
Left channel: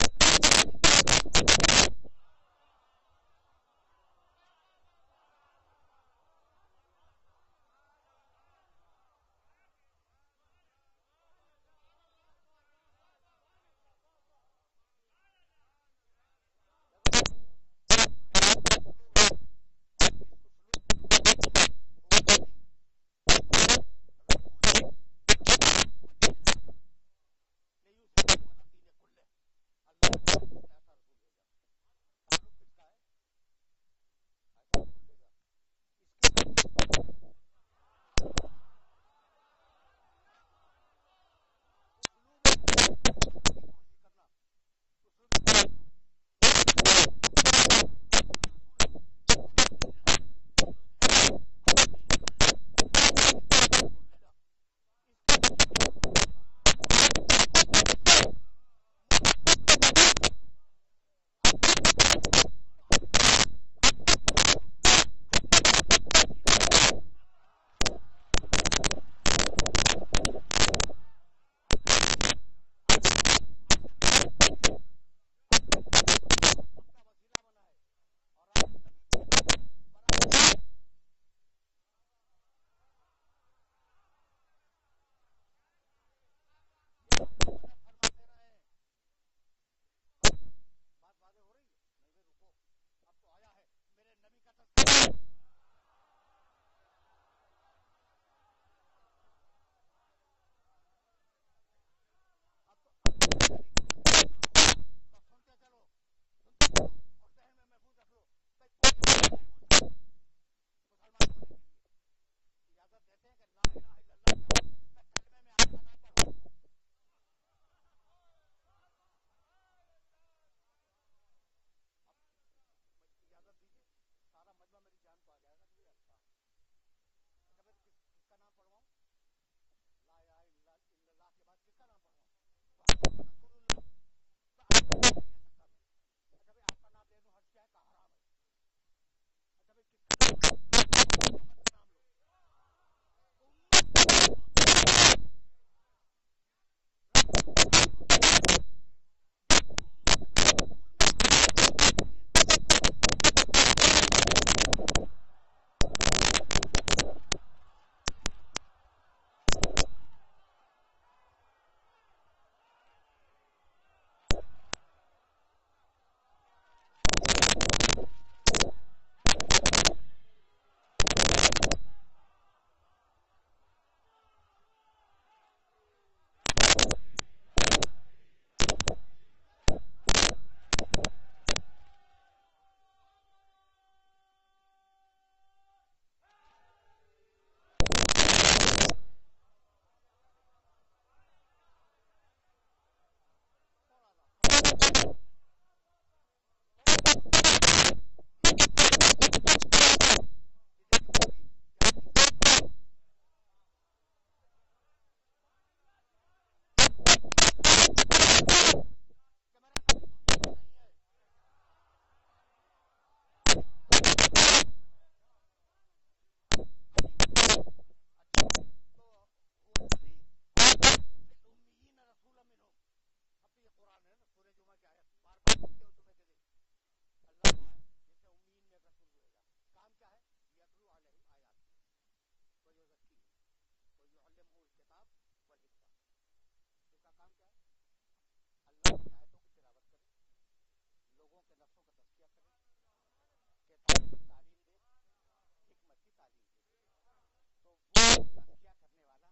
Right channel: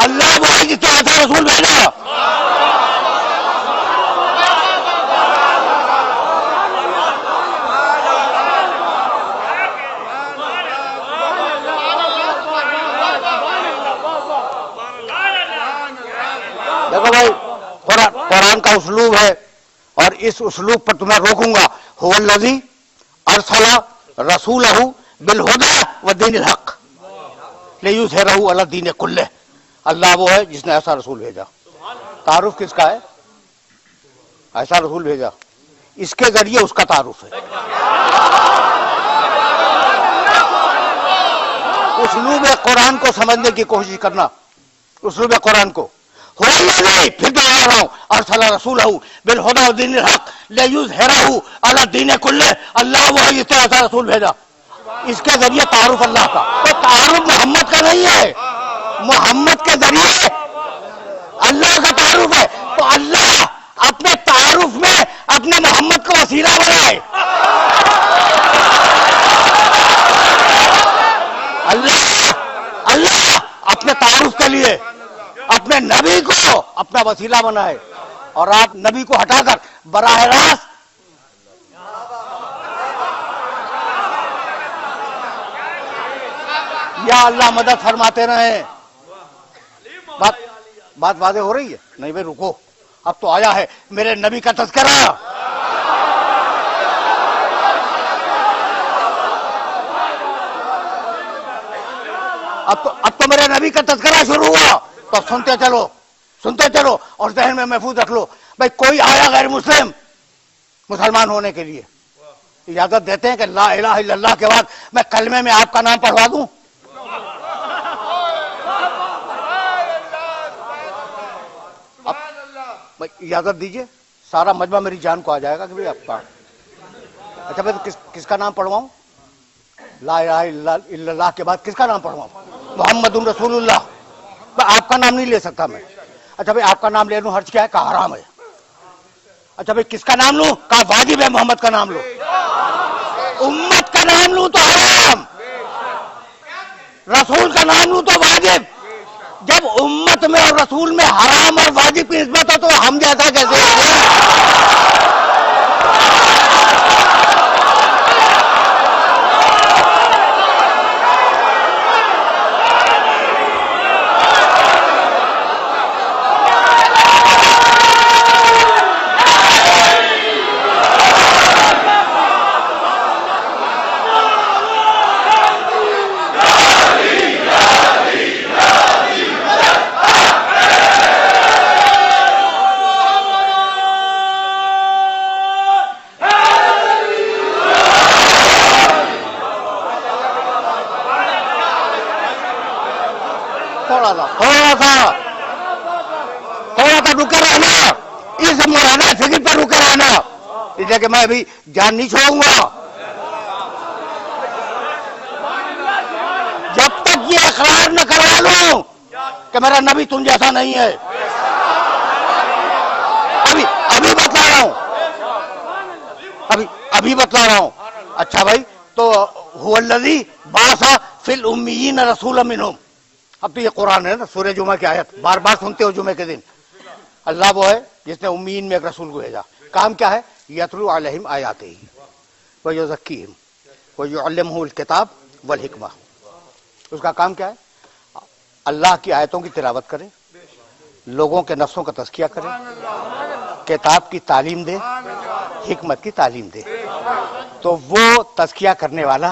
اللہ وہ ہے جس نے ایسا رسول بھیجا. دیکھو بھائی, قرآن کا اسلوب ہے اور اس اسلوب پر تمہیں روکوں گا. هو الذی ارسل رسولہ بالہدی ودین الحق لیظہرہ علی الدین کلہ. اللہ وہ ہے جس نے ایسا رسول بھیجا. تعارف کس کا ہے؟ ایسا رسول بھیجا, اس کے ذریعے اس کا تعارف ہے. اسلوب قرآن کو سمجھنے کی کوشش کرنا, اسلوب قرآن کو. پھر دوہرا رہا ہوں, ارسل رسولہ بالہدی ودین الحق لیظہرہ علی الدین کلہ. اللہ وہ ہے جس نے ایسا رسول بھیجا, اس کے ذریعے تعارف اللہ کا. تو تعارف محمد کا نہیں ہے, محمد کے ذریعے اللہ کا تعارف ہے. تو اللہ اپنے تعارف میں اپنے محمد کو وسیلہ بنائے. اللہ اپنے تعارف کے لیے اپنے نبی کو اپنا وسیلہ بنائے, اور آپ نبی کو ہٹا کر براہ راست یا اللہ مدد فرماتے رہے. بات واضح ہو رہی ہے؟ نہیں بھائی رکو, اب تو آیا ہے میرے نبی کا تذکرہ. اب تو میرے نبی کا تذکرہ شروع ہوا, تو سنتے چلو اور ذہن میں محفوظ رکھ لو. بھائی کوئی آیا غیر مسلمان ہونے کے لیے, اجازت دیتے ہیں کہ لا الہ الا اللہ کے بعد میں کلمے میں آپ کا نام پڑھوا دوں؟ اجازت دیجئے, سارا مجمع میری جان کو آ جائے گا کہ آپ کا. اچھا بھائی کس کا نام پڑھواؤں؟ لا الہ الا اللہ کے بعد کس کا نام پڑھواؤں؟ محمد رسول اللہ. آپ کا نام نہیں لے سکتا میں. اچھا بھائی آپ کا نام لے لوں حرج کیا ہے؟ کہا حرام ہے. اچھا بھائی کس کا نام لوں؟ کہا واجب ہے محمد کا نام لو. امت کا نام لوں تو حرام, رسول کا نام لوں تو واجب. جب امت میں اور رسول میں حرام اور واجب کی نسبت ہو تو ہم جیسا کیسے تھوڑا سا رکے رہنا, اس مولانا فکر پر رکے رہنا, اس لیے کہ میں ابھی جان نہیں چھوڑوں گا جب تک یہ اقرار نہ کروا لوں کہ میرا نبی تم جیسا نہیں ہے. ابھی بتلا رہا ہوں. اچھا بھائی, تو هو الذی بعث فی الامیین رسولا منہم. اب تو یہ قرآن ہے نا, سورہ جمعہ کی آیت بار بار سنتے ہو جمعے کے دن. اللہ وہ ہے جس نے امیین میں ایک رسول کو بھیجا. کام کیا ہے؟ یتلو علیہم آیاتہ ویزکیہم ویعلمہم الکتاب والحکمہ. اس کا کام کیا ہے؟ اللہ کی آیتوں کی تلاوت کرے, لوگوں کے نفسوں کا تزکیہ کرے, کتاب کی تعلیم دے, حکمت کی تعلیم دے. تو وہ تزکیہ کرنے والا,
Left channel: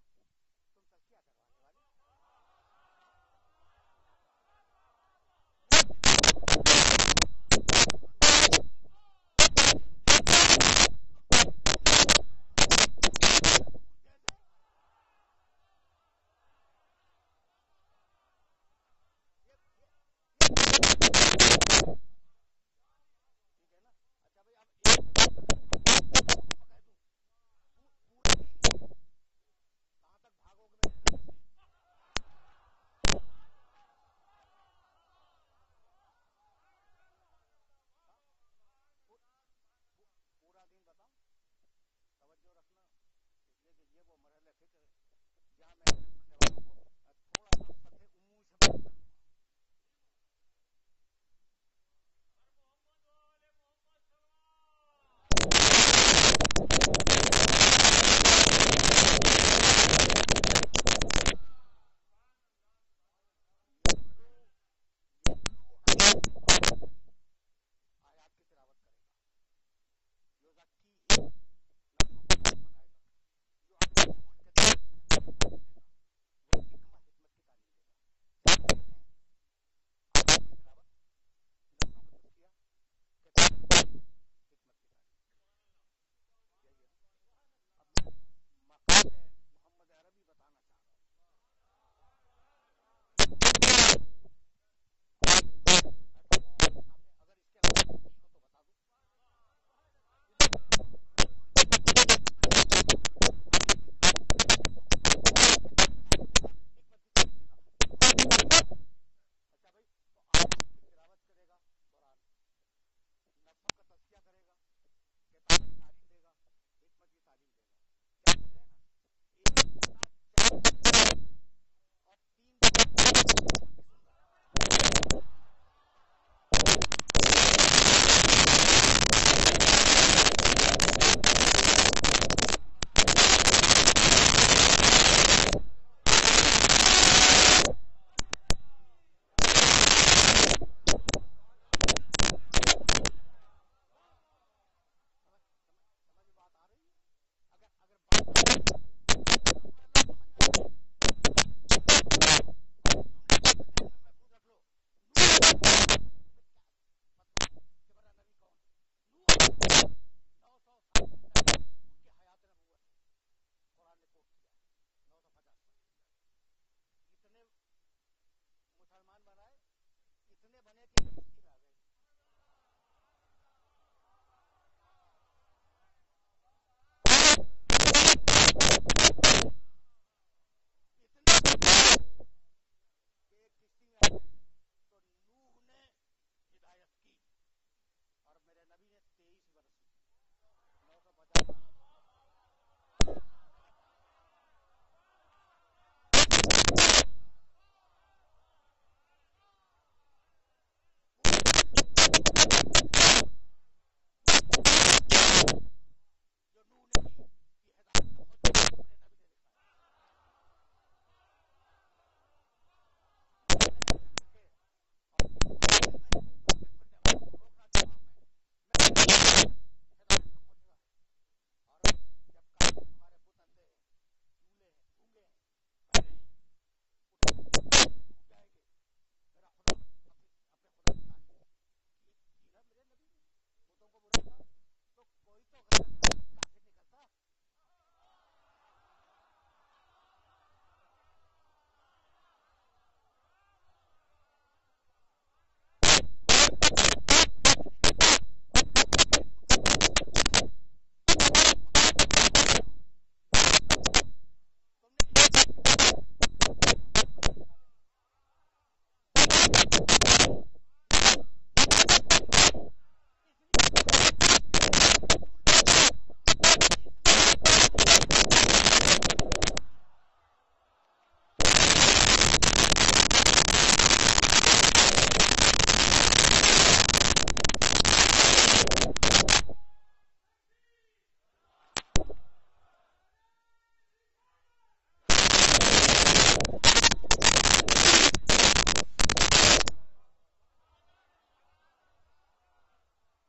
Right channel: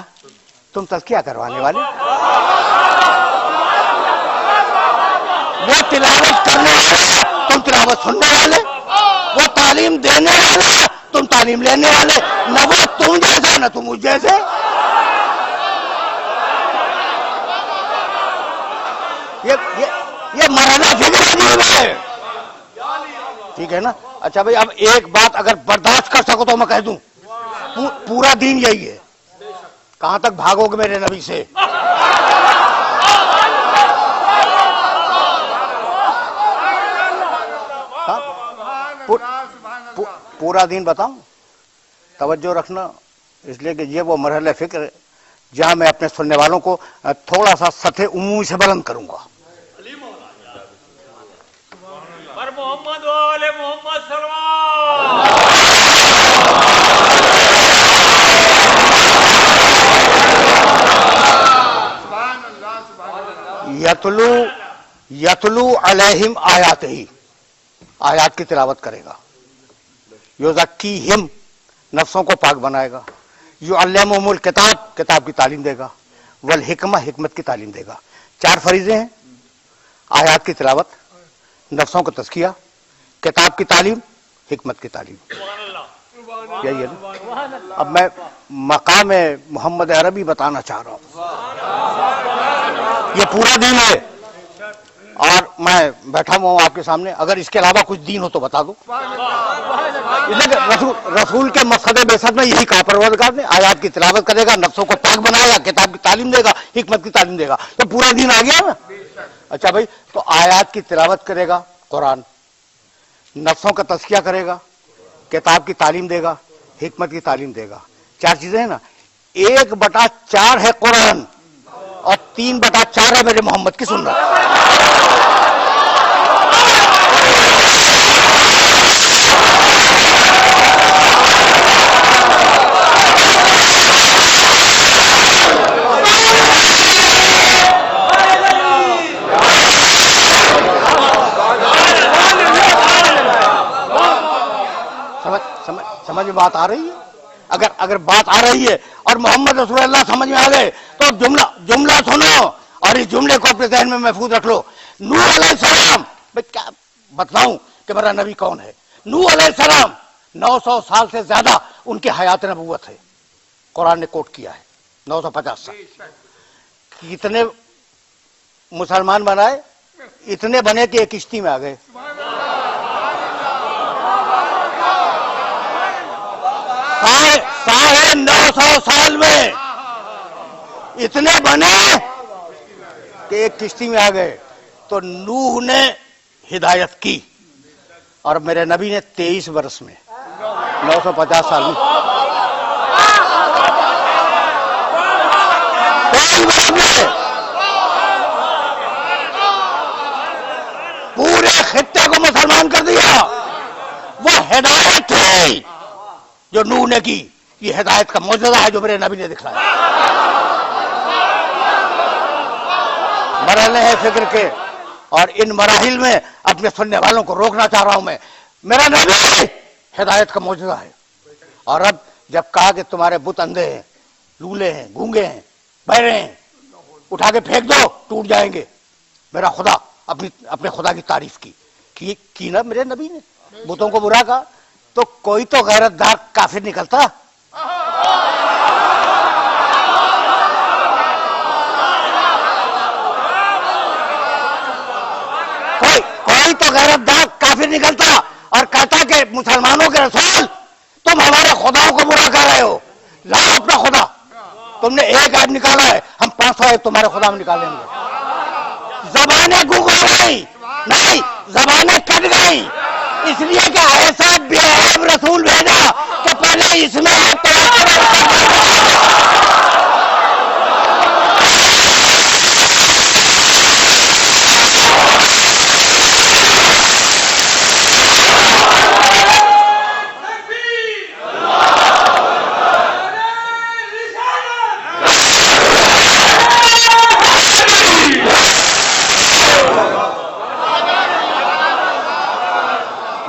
تم تزکیہ کروانے والے, وہ تلاوت کرنے والے, تم تلاوت سننے والے, وہ تعلیم دینے والے, تم تعلیم لینے والے. نہ وہ تم جیسے نہ تم مجھ جیسے. یہ مرحلہ فکر ہے, ٹھیک ہے نا. اچھا بھائی اب ایک بات اگر برداشت کر سکو تو میں کہہ دوں, پورا دین یہی ہے. کہاں تک بھاگو گے میرے نبی سے؟ پورا دین بتاؤں؟ توجہ رکھنا، اس لیے کہ یہ وہ مرحلہ فکر ہے جہاں میں اپنے سننے والوں کو تھوڑا سا سطح عمومی سے بلند کروں گا. محمد وآل محمد سلام. یتلو علیہم آیات ہی، آیات کی تلاوت کرے گا. یزکیہم، نفسوں کو پاک بنائے گا. یعلمہم الکتاب، کتاب کی تعلیم دے گا. والحکمہ، حکمت کی تعلیم دے گا. 4 فریضے ہیں: آیات کی تلاوت، نفسوں کا تزکیہ، کتاب کی تعلیم، حکمت کی تعلیم. یہی ہے نا. اب میں مقام محمد عربی بتانا چاہ رہا ہوں. یہ پورا دین ہے اور میں بیٹھا ہوا ہوں آپ کے سامنے. اگر اس کے علاوہ کچھ دین ہو تو بتا دو. رسول کے مقصد بعثت میں یہی کہا پروردگار نے، آیات کی تلاوت کرے گا، نفسوں کو پاک بنائے گا، کتاب کی تعلیم دے گا، حکمت کی تعلیم دے گا. تو پورا دین آ گیا نا. اچھا بھائی، تو آیات کی تلاوت کرے گا قرآن، نفسوں کا تزکیہ کرے گا، کتاب کی تعلیم دے گا، حکمت کی تعلیم دے گا. 4 چیزیں ہیں نا. 1/4 ہے قرآن اور 3/4 ہے میرے محمد کی سنت. سمجھ میں بات آ رہی ہے؟ اگر بات آ رہی ہے اور محمد رسول اللہ سمجھ میں آ گئے تو جملہ سنو اور اس جملے کو اپنے ذہن میں محفوظ رکھ لو. نوح علیہ السلام، میں کیا بتلاؤں کہ میرا نبی کون ہے. نوح علیہ السلام 900 سال سے زیادہ ان کی حیات نبوت ہے. قرآن نے کوٹ کیا ہے 950 سال. کتنے مسلمان بنائے؟ اتنے بنے کہ ایک کشتی میں آ گئے. ساڑھے 900 سال میں اتنے بنے کہ ایک کشتی میں آ گئے. تو نوح نے ہدایت کی اور میرے نبی نے 23 برس میں 950 سال میں. پورے خطے کو مسلمان کر دیا. وہ ہدایت تھی جو نوح نے کی. یہ ہدایت کا معجزہ ہے جو میرے نبی نے دکھایا. مرحلے ہیں فکر کے اور ان مراحل میں اپنے سننے والوں کو روکنا چاہ رہا ہوں میں. میرا نبی ہدایت کا معجزہ ہے. اور اب جب کہا کہ تمہارے بت اندھے ہیں، لولے ہیں، گونگے ہیں، بہرے ہیں، اٹھا کے پھینک دو، ٹوٹ جائیں گے. میرا خدا اپنے خدا کی تعریف کی نا میرے نبی نے. بتوں کو برا کہا تو کوئی تو غیرت دار کافر نکلتا. کوئی تو غیرت دار کافر نکلتا اور کہتا کہ مسلمانوں کے رسول تم ہمارے خداؤں کو برا کر رہے ہو. لاؤ اپنا خدا. تم نے ایک عیب نکالا ہے، ہم 500 عیب تمہارے خدا میں نکالیں گے. زبانیں گونگ ہو گئی، نہیں زبانیں کٹ گئی، اس لیے کہ ایسا بے عیب رسول بھیجا کہ پہلے اس میں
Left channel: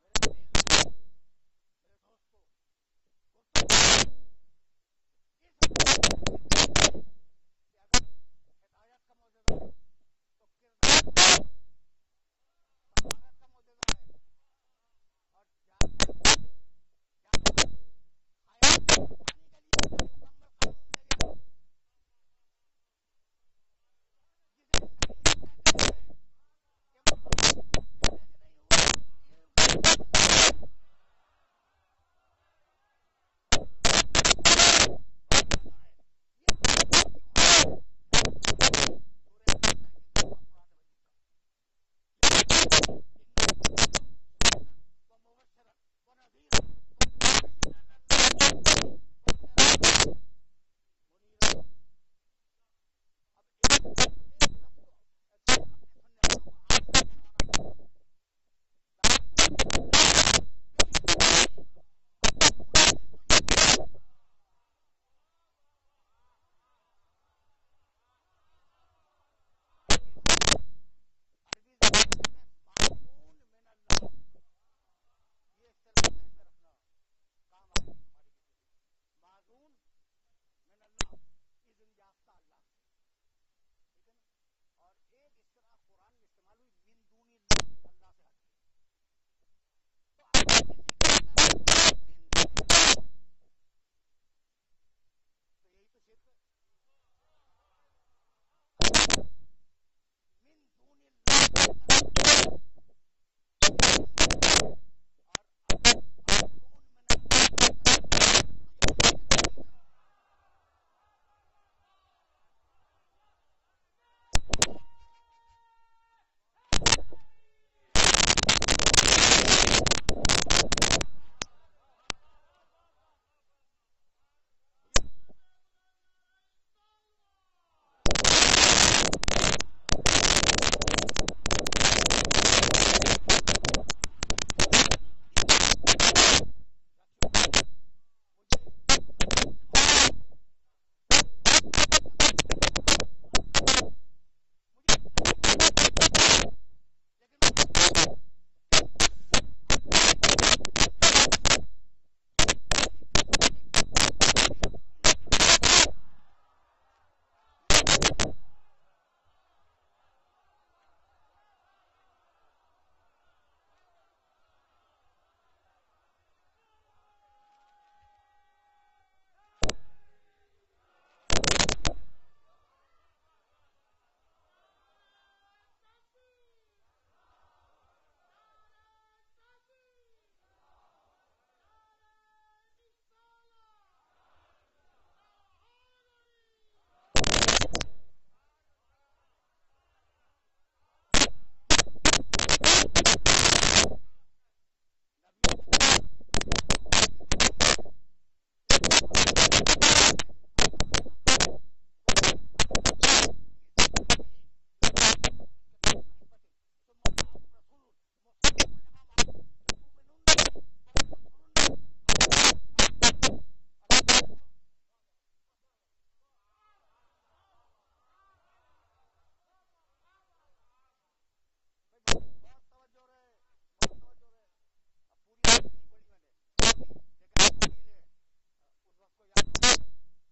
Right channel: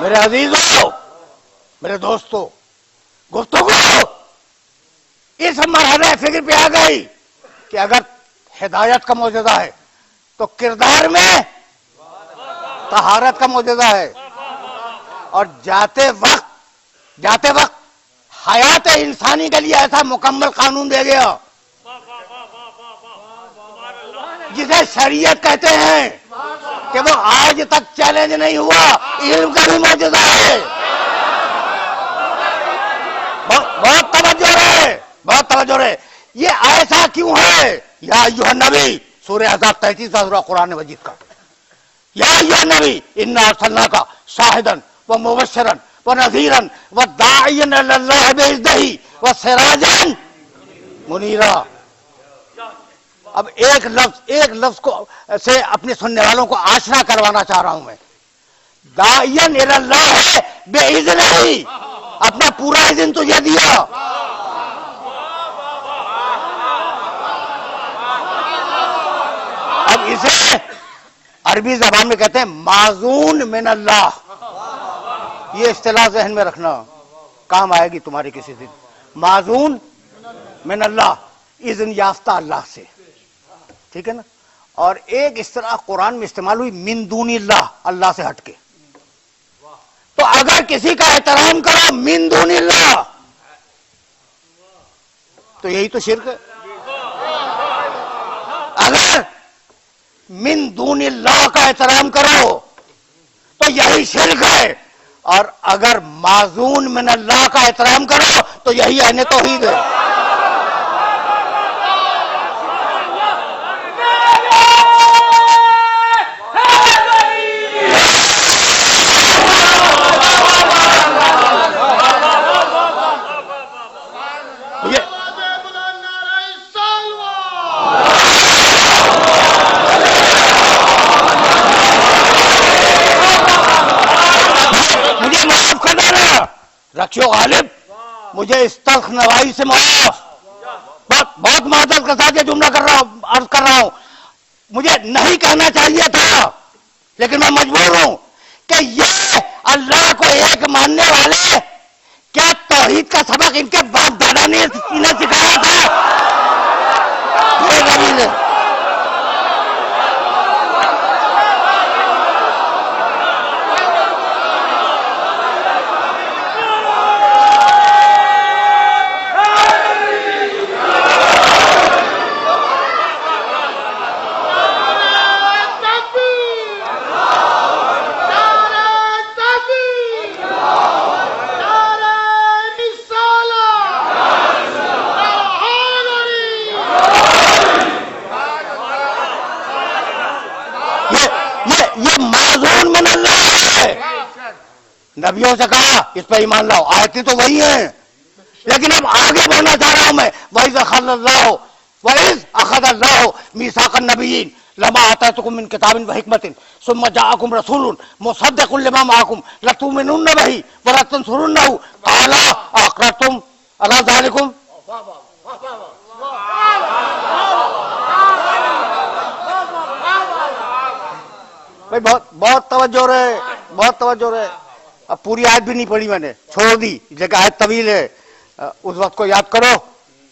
میرے عزیزوں، میرے دوستوں، گفتگو اس مرحلے فکر پہ آ گئی کہ اگر ہدایت کا معجزہ ہے تو کردار میں طہارت کا معجزہ ہے. اور جاتے وقت حیات انسانی کے لیے ایسا مکمل قانون دے گیا جسے شریعت کہتے ہیں کہ وہ آج تک چیلنج نہیں ہوا. علم کا بھی معجزہ ہے. بہت توجہ بہت توجہ رہے. یہ ایسا کیوں ہے؟ یا ایھا النبی، سورہ احزاب 33 سورہ قرآن مجید کا. یا ایھا النبی انا ارسلناک شاہدا ومبشرا ونذیرا وداعیا الی اللہ باذنہ وسراجا منیرا. اب ایک لفظ کو سے اپنے سننے والوں کو آشنا کروانا چاہ رہا ہوں میں. داعیا الی اللہ باذنہ، اپنا پورا اذن تجھے دیا. اب اسے عربی زبان میں کہتے ہیں معزون من اللہ. یہ اصطلاح ذہن میں رکھنا، کام آئے گی تمہارے کسی دن. معزون من اللہ، اذن یافتہ اللہ سے. ٹھیک ہے نا؟ اور ایک اصطلاح قرآن میں استعمال ہوئی من دون اللہ، اللہ سے ہٹ کے. تو اگر کسی کا احترام کرو من دون اللہ تو یہی تو شرک ہے. اگر من دون اللہ کا احترام کرو تو یہی شرک ہے، اور اگر معزون من اللہ کا احترام کرو تو یہی عین توحید ہے. رکھیو غالب، مجھے اس تلخ نوائی سے معاف. بہت معذرت کے ساتھ یہ جملہ عرض کر رہا ہوں. مجھے نہیں کہنا چاہیے تھا لیکن میں مجبور ہوں کہ یہ اللہ کو ایک ماننے والے، کیا توحید کا سبق ان کے باپ دادا نے انہیں سکھایا تھا؟ یہ غریب ہے. نبیوں سے کہا اس پہ ایمان لاؤ، آیتیں تو وہی ہیں، لیکن اب آگے بڑھنا چاہ رہا ہوں میں. وَإِذْ أَخَذَ اللَّهُ مِيثَاقَ النَّبِيِّينَ لَمَا آتَيْتُكُم مِّن كِتَابٍ وَحِكْمَةٍ ثُمَّ جَاءَكُمْ رَسُولٌ مُصَدِّقٌ لِّمَا مَعَكُمْ لَتُؤْمِنُنَّ بِهِ وَلَتَنصُرُنَّهُ قَالَ أَقْرَرْتُمْ عَلَىٰ ذَٰلِكُمْ. بھائی بہت توجہ رہے، بہت توجہ رہے. اب پوری آیت بھی نہیں پڑھی میں نے، چھوڑ دی، لیکن آیت طویل ہے. اس وقت کو یاد کرو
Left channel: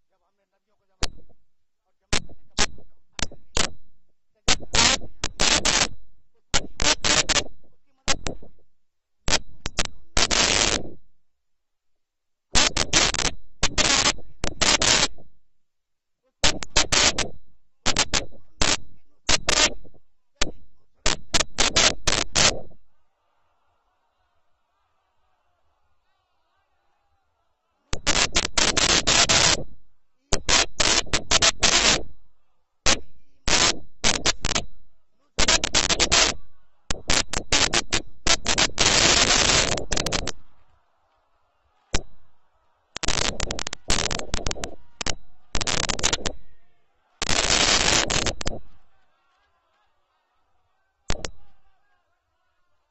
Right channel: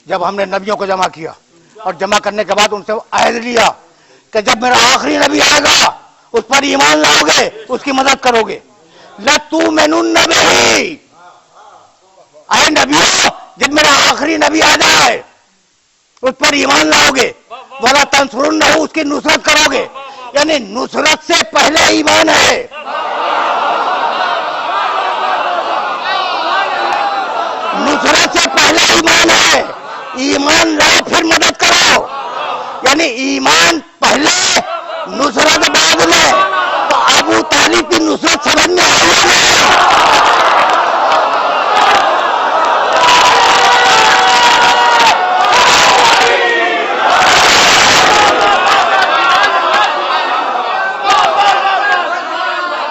جب ہم نے نبیوں کو جمع کیا، اور جمع کرنے کے بعد ان سے عہد لیا کہ جب میرا آخری نبی آئے گا اس پر ایمان لاؤ گے، اس کی مدد کرو گے. لَتُؤْمِنُنَّ بِهِ، اے نبیوں جب میرا آخری نبی آ جائے اس پر ایمان لاؤ گے. وَلَتَنصُرُنَّهُ، اس کی نصرت کرو گے. یعنی نصرت سے پہلے ایمان ہے. نصرت سے پہلے ایمان ہے. ایمان لاؤ پھر مدد کرو، یعنی ایمان پہلے نصرت بعد میں. تو ابو طالب کی نصرت سمجھ میں آئی ہے.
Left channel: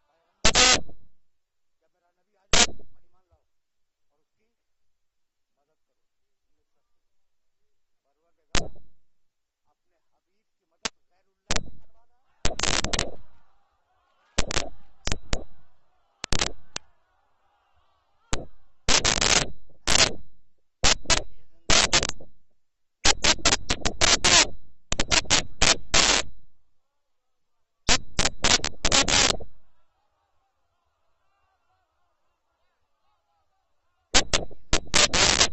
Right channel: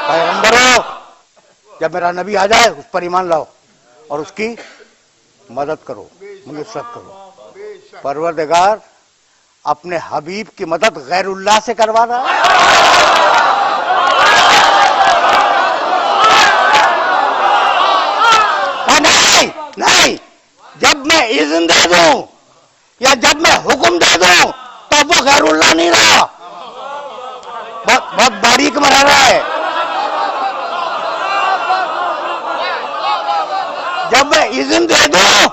پیغمبروں جب میرا نبی آ جائے اس پر ایمان لاؤ اور اس کی مدد کرو، نصرت کرو. پروردگار اپنے حبیب کی مدد غیر اللہ سے کروا رہا ہے. نہیں، جب میں اذن دے دوں یا جب میں حکم دے دوں تو وہ غیر اللہ نہیں رہا. بہت باریک مرحلہ ہے. جب میں اذن دے دوں،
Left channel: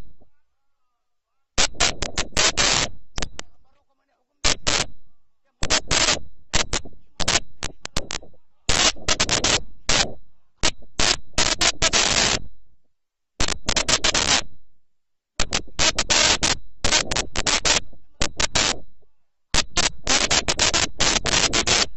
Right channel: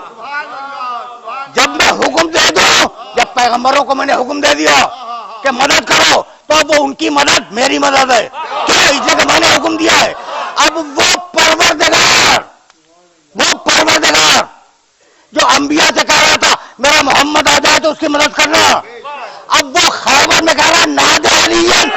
جب میں حکم دے دوں، جب پیغمبروں کو میں نے حکم دے دیا کہ مدد کرو تو وہ ان کی مدد میری مدد ہے. کیوں؟ اس لیے کہ میں نے حکم دیا ہے. اب وہ پروردگار جو انبیاء سے کہہ رہا میرا محمد آ جائے تو اس کی مدد کرنا. اب وہ خیبر میں کہہ رہا نادے علیین.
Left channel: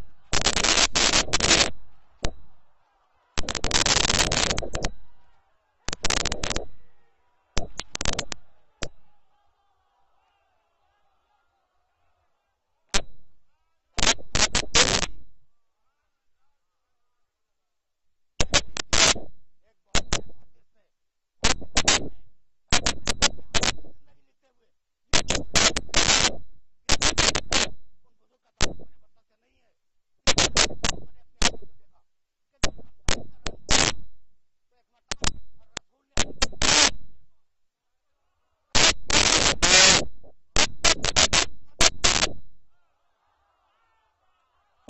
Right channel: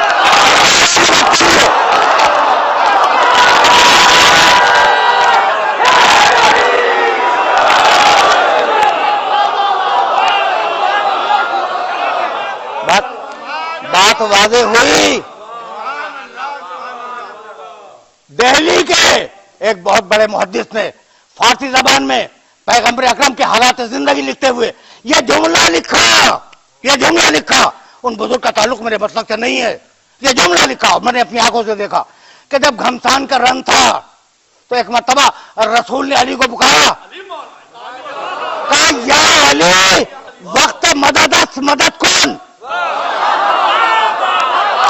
بات واضح ہوئی. دہلی کے ایک بہت بڑے محدث نے فارسی زبان میں پیغمبر اکرم کے حالات زندگی لکھتے ہوئے یہ جملہ لکھا. ان بزرگ کا تعلق میرے مسلک سے نہیں ہے. یہ جملہ لکھا میں نے اپنی آنکھوں سے دیکھا کہ جب گھمسان کا رن تھا تو ایک مرتبہ رسول نے علی کو پکارا, کہا یا علی وقت مدد کون,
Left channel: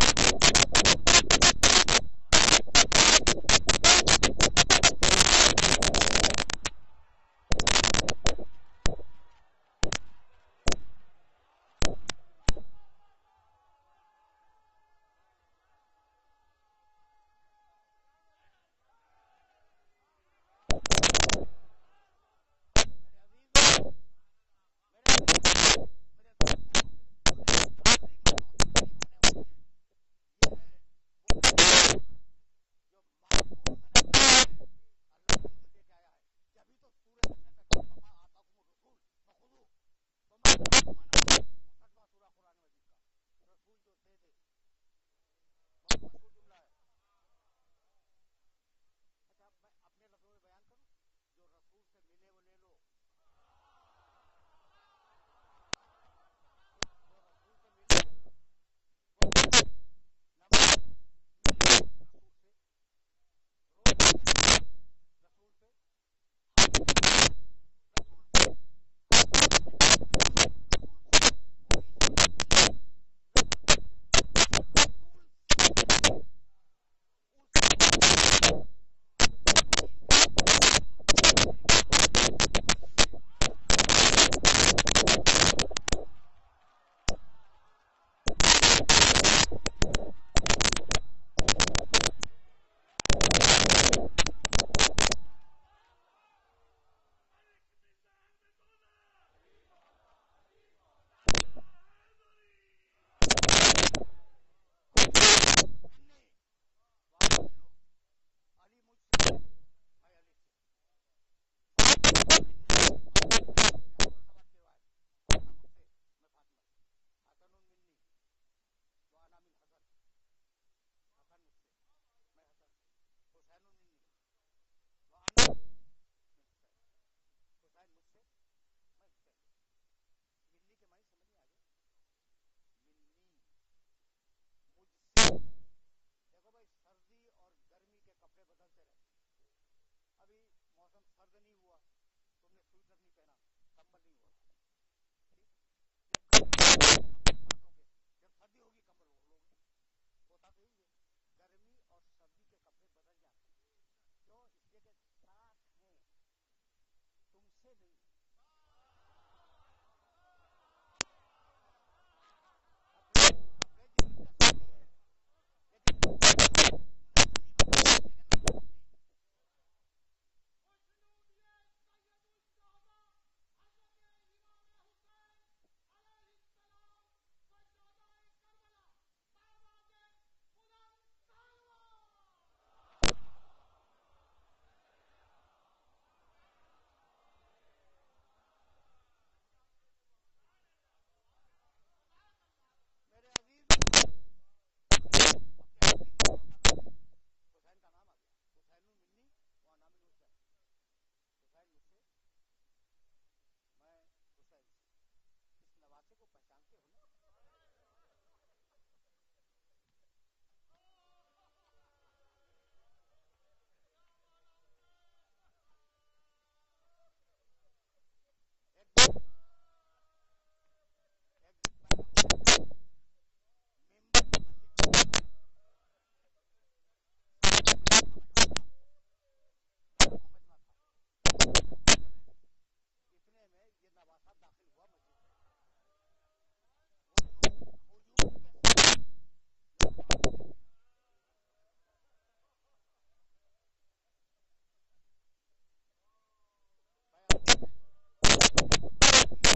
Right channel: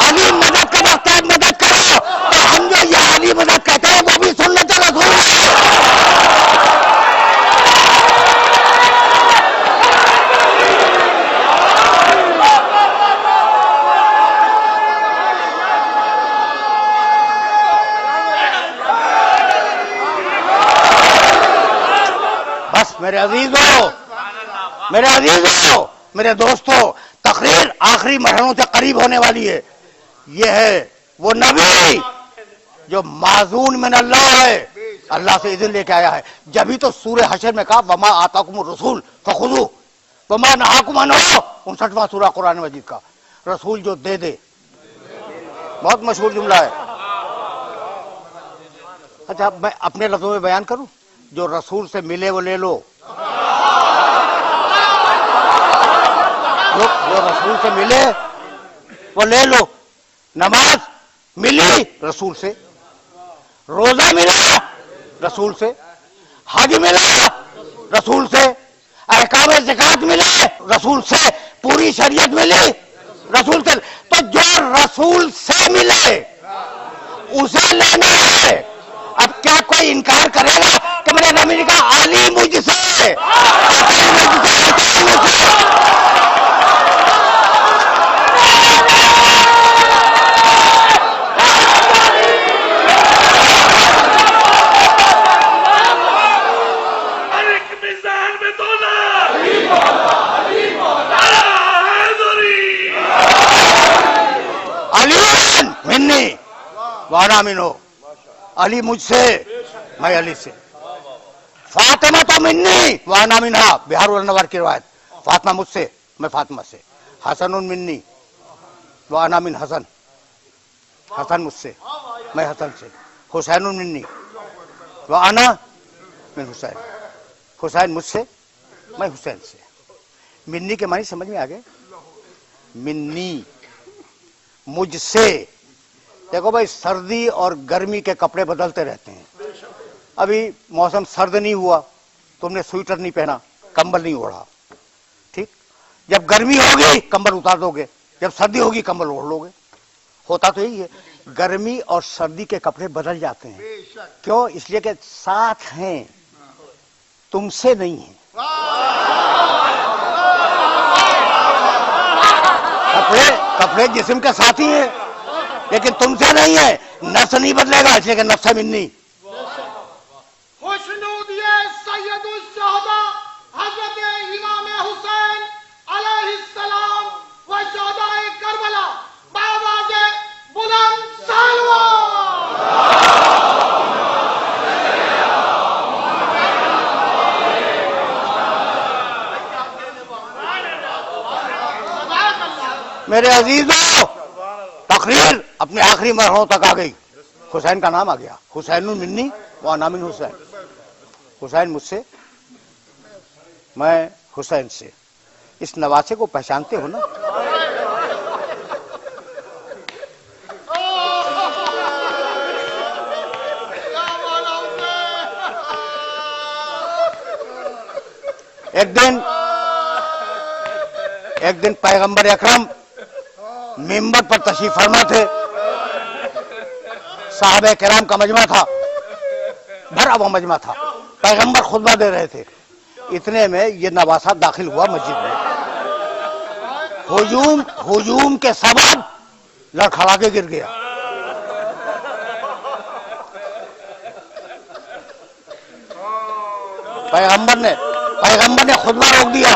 علی مدد کا وقت ہے, مدد کرو. تو ہم جو یا علی مدد کہتے ہیں وہ بھی سنت رسول ہے. بس میرے عزیزوں میرے دوستوں, تقریر آخری مرحلوں سے قریب ہونے والی ہے. یہ ہے وہ نبی جو معزون من اللہ ہے, اللہ سے اذن لے کے آیا ہے. جبھی تو سورہ حشر میں کہا وما آتاکم الرسول فخذوہ وما نہاکم عنہ, 59واں سورہ قرآن مجید کا. رسول جو دے دے, بہت مشہور جملہ ہے. اچھا میں اپنے لفظوں میں بیان کروں, جو رسول سے ملے وہ لے لو, جو رسول سے ملے وہ لے لو. نماز ملی رسول سے, روزہ ملا رسول سے, حج ملا رسول سے, احکام زکات ملے رسول سے, پوری شریعت ملی رسول سے. تو جو رسول سے ملے اسے لینا ہے. اب کیا کوئی انکار کرے گا کہ میں نے نبی کا علی مجھ سے, وانا منو, علی مجھ سے میں علی سے. فاطمہ تو منی وانا منہا, بہار الانوار کی روایت, فاطمہ مجھ سے میں فاطمہ سے. حسن منی وانا من حسن, حسن مجھ سے میں حسن سے. حسین منی وانا من حسین, حسین مجھ سے میں حسین سے. منی کے معنی سمجھ میں آ گئے. منی مجھ سے. دیکھو بھائی سردی اور گرمی کے کپڑے بدلتے رہتے ہیں. ابھی موسم سرد نہیں ہوا, تم نے سویٹر نہیں پہنا, کمبل نہیں اوڑھا, ٹھیک. جب گرمی ہوگی کمبل اتار دو گے, جب سردی ہوگی کمبل اوڑھ لو گے. ہوتا تو یہی ہے, گرمی اور سردی کے کپڑے بدل جاتے ہیں. کیوں؟ اس لیے کہ ساتھ ہیں, تم سے نہیں ہیں. کپڑے جسم کے ساتھی ہیں لیکن تم سے نہیں ہے. نفس نہیں بدلے گا, اس لیے کہ نفس منی. خوشنود سید الشہداء حضرت امام حسین علیہ السلام و شہداء کربلا بآواز بلند سالوان. میرے عزیزوں, تقریر اپنے آخری مرحلوں تک آ گئی. حسین کا نام آ گیا, حسین منی وانا من حسین. حسین مجھ سے میں حسین سے. اس نواسے کو پہچانتے ہو نا؟ ایک دن پیغمبر اکرم ممبر پر تشریف فرما تھے. صحابہ کرام کا مجمع تھا, بھرا ہوا مجمع تھا. پیغمبر خطبہ دے رہے تھے. اتنے میں یہ نواسہ داخل ہوا مسجد میں. ہجوم کے سبب لڑکھڑا کے گر گیا. پیغمبر نے خطبہ روک دیا.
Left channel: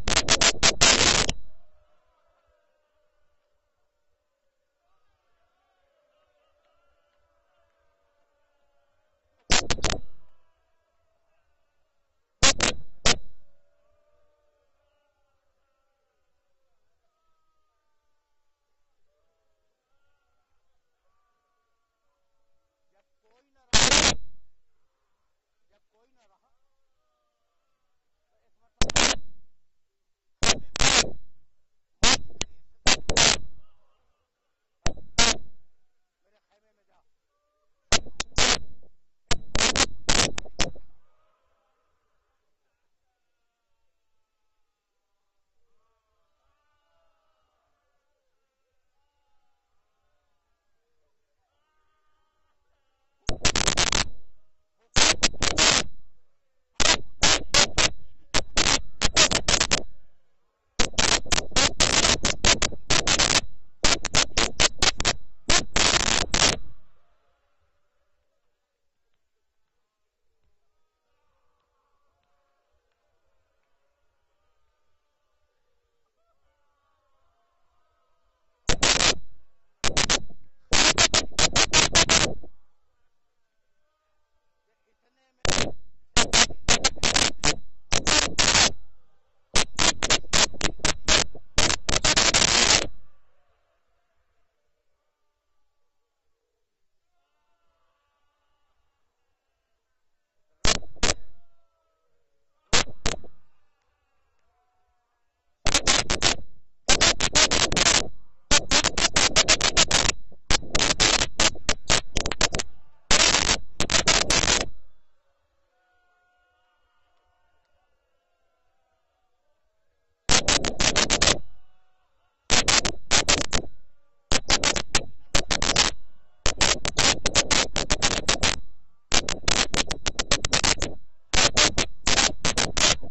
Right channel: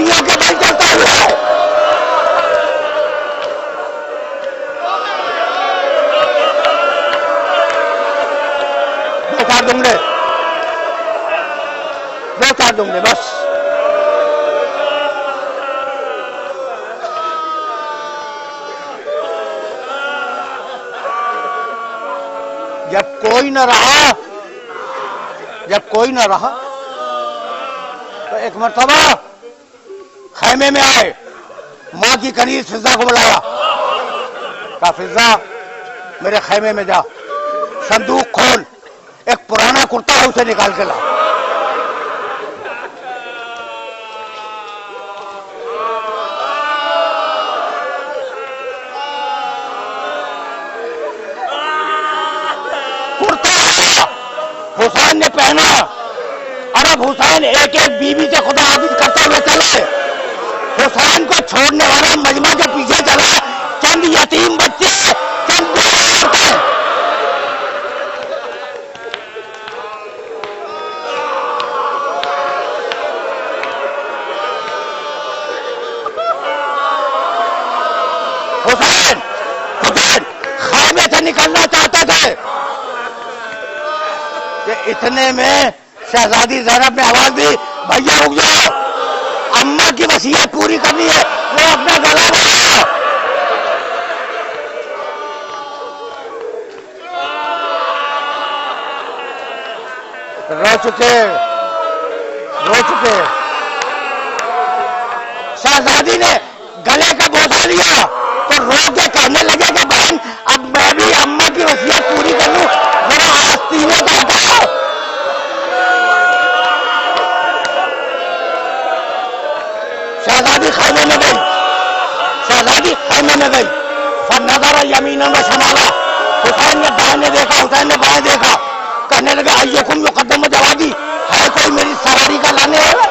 رانیوں کے بل چلتا ہوا ہے. دو چار دنگلے بس. جب کوئی نہ رہا تو ایک مرتبہ خیمے میں آئے, ماں کی کنیز فضا کو بلایا, کہا فضا میرے خیمے میں جا, صندوق کھول, ایک پرانا کرتا ہے اسے نکال کے لا. حسین نے پہنا, عرب حسین ایک ایک بیوی سے خدا حافظ کرتے ہوئے چلے. حسین کو چھوڑنے والا مجمع کے پیچھے چلا, چند یتیم بچے, چند حسین خیمے سے نکلنا چاہتے تھے کہ اتنے میں شہزادی زینب نے آواز دی, بھیا رک جاؤ, اماں کی وصیت پوری کرنی ہے. وہ اپنا گلا بڑھا, رو چکے. شہزادی نے گلے کا بوسہ لیا تو رو کے کہنے لگے کہ بہن اب میں بھی اماں کی وصیت پوری کر لوں, ذرا آستینے کا ہٹاؤ. شہزادی خیمے میں گئی. فنظر یمینا و شمالا, حسین نے دائیں دیکھا, حسین نے بائیں دیکھا, کہنے لگا ایکم یقدم جوادی, ہے کوئی میری سواری کا لانے والا.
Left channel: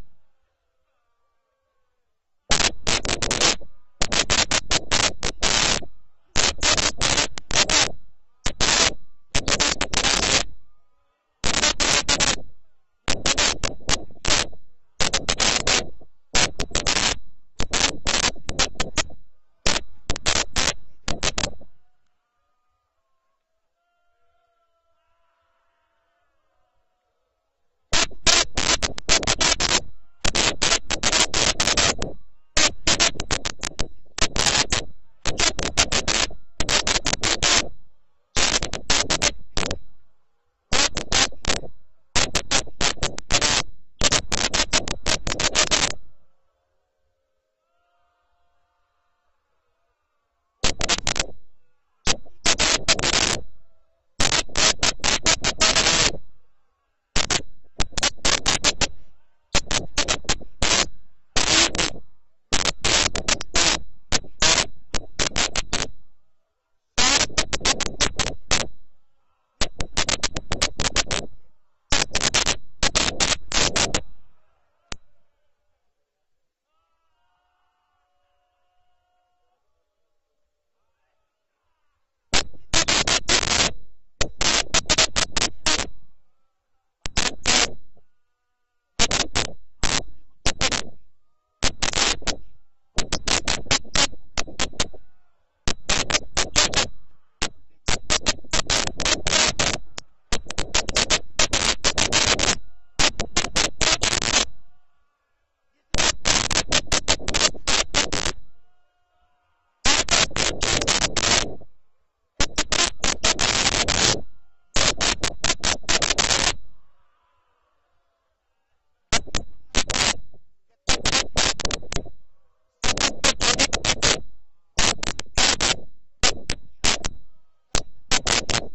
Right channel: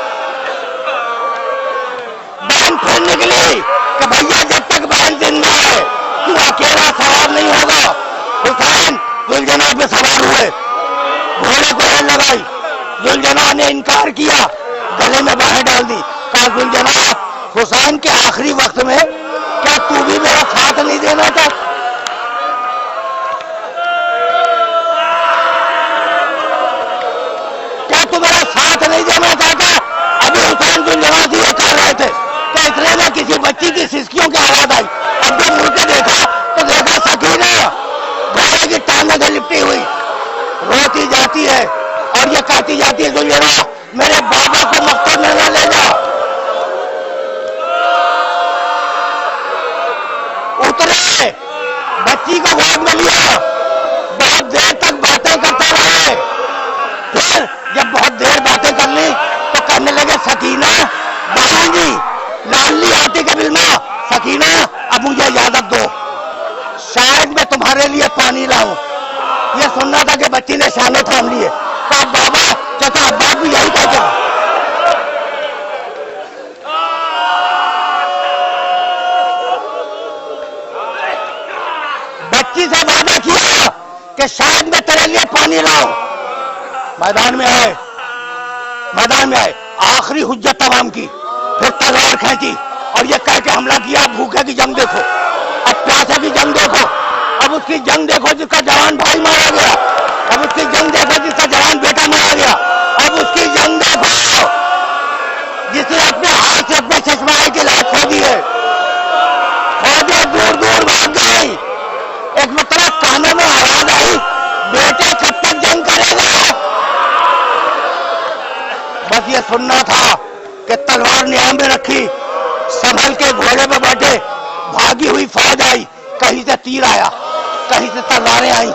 بہن پھر نکلی کہ بھیا جب تک بہن زندہ ہے تو اکیلا سوار نہیں ہوگا. حسین ذوالجناح پہ سوار ہوئے, گھوڑے کو ریل لگائی. ذوالجناح نے انکار کیا, گلے میں باہیں ڈال دی. کہا ذوالجناح حسین کے آخری وقت میں کیا تو بھی میرا ساتھ نہیں دینا تھا؟ کیا تو میرا ساتھ نہیں دینا چاہتا؟ ابھی حسین ذوالجناح سے یہ کہہ رہے تھے کہ اتنے میں کسی بچی کی سسکیوں کی آواز آئی. اب جب مڑ کے دیکھا تو دیکھا سکینہ گھوڑے کی ٹانگوں سے لپٹی ہوئی روتی جاتی ہے اور یہ کہتی جاتی ہے ذوالجناح میرے بابا کو مقتل میں نہ لے جا. اترے, بچی کو گود میں لیا, بہت دیر تک باتیں کرتے رہے. پھر جب بہت دیر باتیں کر لی تو کہنے لگے سکینہ بہن جی لالی آتی کے بلما, سکینہ اب مجھے اجازت دو, شاید میں تمہارے لیے پانی لاؤں. یہ سننا تھا کہ بچی نے شانے تھام لیے. تو بابا چچا ابا بھی یہی کہتے ہیں. بچی سے وعدہ کیا کہ شاید میں تیرے لیے پانی لاؤں. میدان میں آئے, آخری حجت تمام کی, پھر تلوار کھینچی اور یہ کہہ کے حملہ کیا, بھوکے کی جنگ دیکھو, اب پیاسے کی جنگ دیکھو, اب اس کی جنگ دیکھو جس کا جوان بھائی مارا گیا, اب اس کی جنگ دیکھو جس کا جوان بیٹا مارا گیا, اب اس کی جنگ دیکھو جس نے اپنے ہاتھ سے اپنے چشمائے کی لاش کھو دی ہے. فوجیں دور دور بھاگ گئی. ایک مطلب کانوں میں آواز آئی, بیٹے کب تک جنگ کرے گا؟ بس یہ سننا تھا کہ تلوار نیام میں رکھی, سنبھل کے گھوڑے پہ بیٹھے, بھاگی ہوئی فوج آئی, کہیں سے تیر آیا, کہیں سے تلواریں آئیں,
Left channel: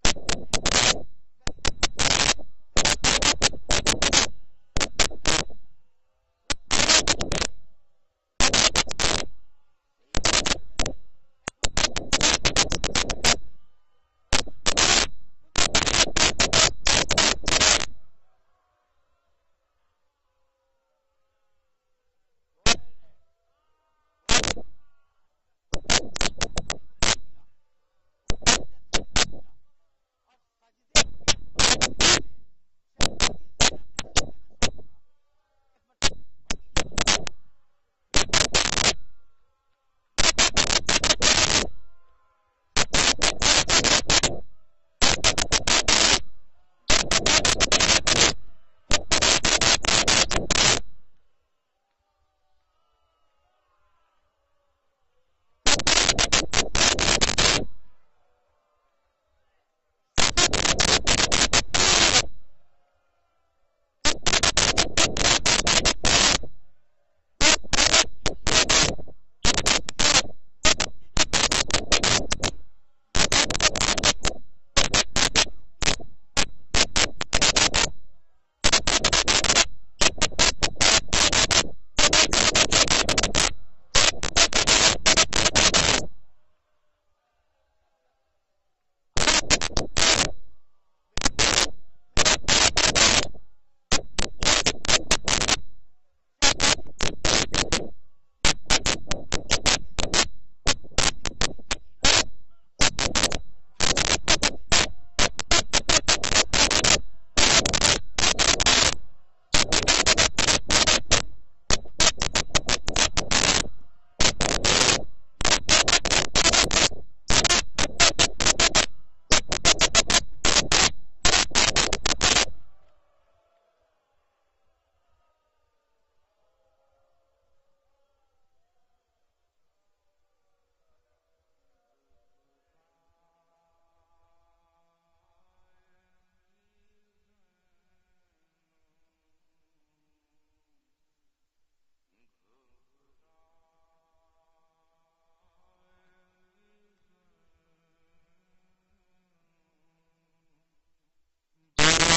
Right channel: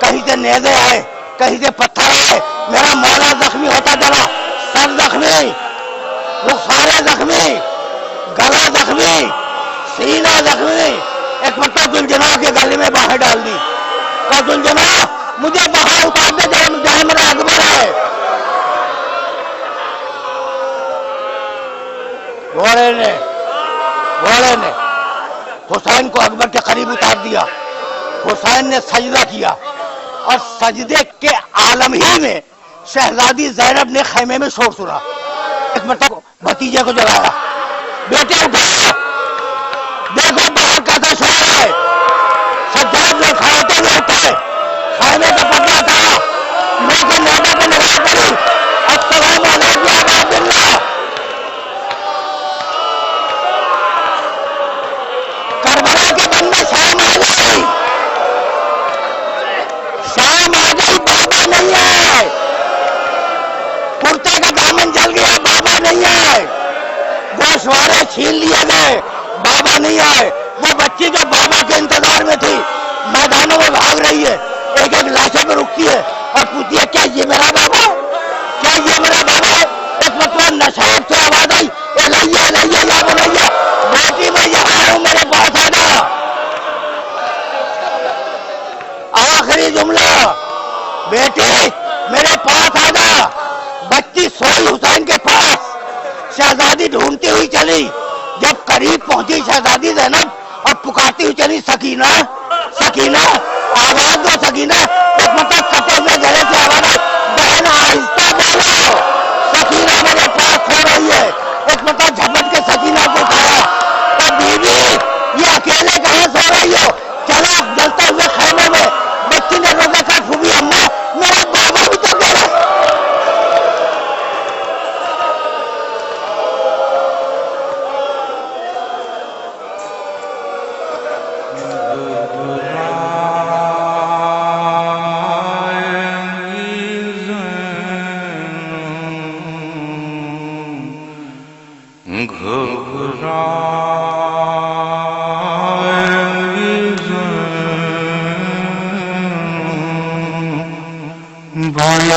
کہیں سے نیزے آئے, کہیں سے پتھر آئے. میرا مولا زخمی ہوتا چلا, سر زخمی, رخسارے زخمی, گلا زخمی, سینہ زخمی. ایک مطلب ذوالجناح کے گلے میں باہیں ڈال دی. کہا ذوالجناح مجھے باہر اتار دے, جہاں میرا اکبر ہے. گھوڑے نے حسین کو اکبر کے قریب اتار دیا. حسین نے سجدہ کیا اور سجدے کے عالم ہی میں شہزادی زینب نے خیمے میں شور سنا. ایک مرتبہ بھتیجے کو جگایا, بیٹے اٹھا، دیکھو باہر کیسا شور ہے، سجاد میں کھڑے ہوئے تھے، خیمے کا پکڑا تھا، لیکن نوبہ کو نگاہ کری، السلام علیکم یا عباد اللہ۔ کربلا کے بندے شام آ گئی، شام آ گئی، بابا نہیں ہے، کرتے کا دامن جل گیا، بابا نہیں ہے، گوشوارے چھین لیے گئے، بابا نہیں آئے، وہ بچی جو بابا کے انتظار میں تھی میدانوں میں بھاگ رہی ہے، ایک ایک لاشوں پہ رکتی ہے اور پوچھتی ہے کیا یہ میرا بابا ہے، کیا یہ میرا بابا ہے؟ ایک مرتبہ نشاب سے آواز آئی، الیہ الیہ یا بنیہ، بیٹی میں یہاں ہوں، میرے پاس آ جا۔ آخری جملہ، بیٹی میرے پاس آ جا۔ بچی سوئی حسین کے پاس، شہزادی ڈھونڈتی ہوئی چلی، جب قریب پہنچی شہزادی زینب اور پکارتی ہوئی چلی سکینہ سکینہ، آواز دو سکینہ، ایک مطلب کٹے ہوئے گلے سے آواز آئی، بہن آہستہ بولو، سکینہ میرے پاس سو رہی ہے، ایک مطلب جھپٹ کے سکینہ کو اٹھایا، اور بیوی یہ اکیلے کہاں سو رہی ہو، چلا جلتے ہوئے خیمے میں، بچی نے روزہ کا پھوپھی اماں میرا بابا بھی تو گیا۔ بھائی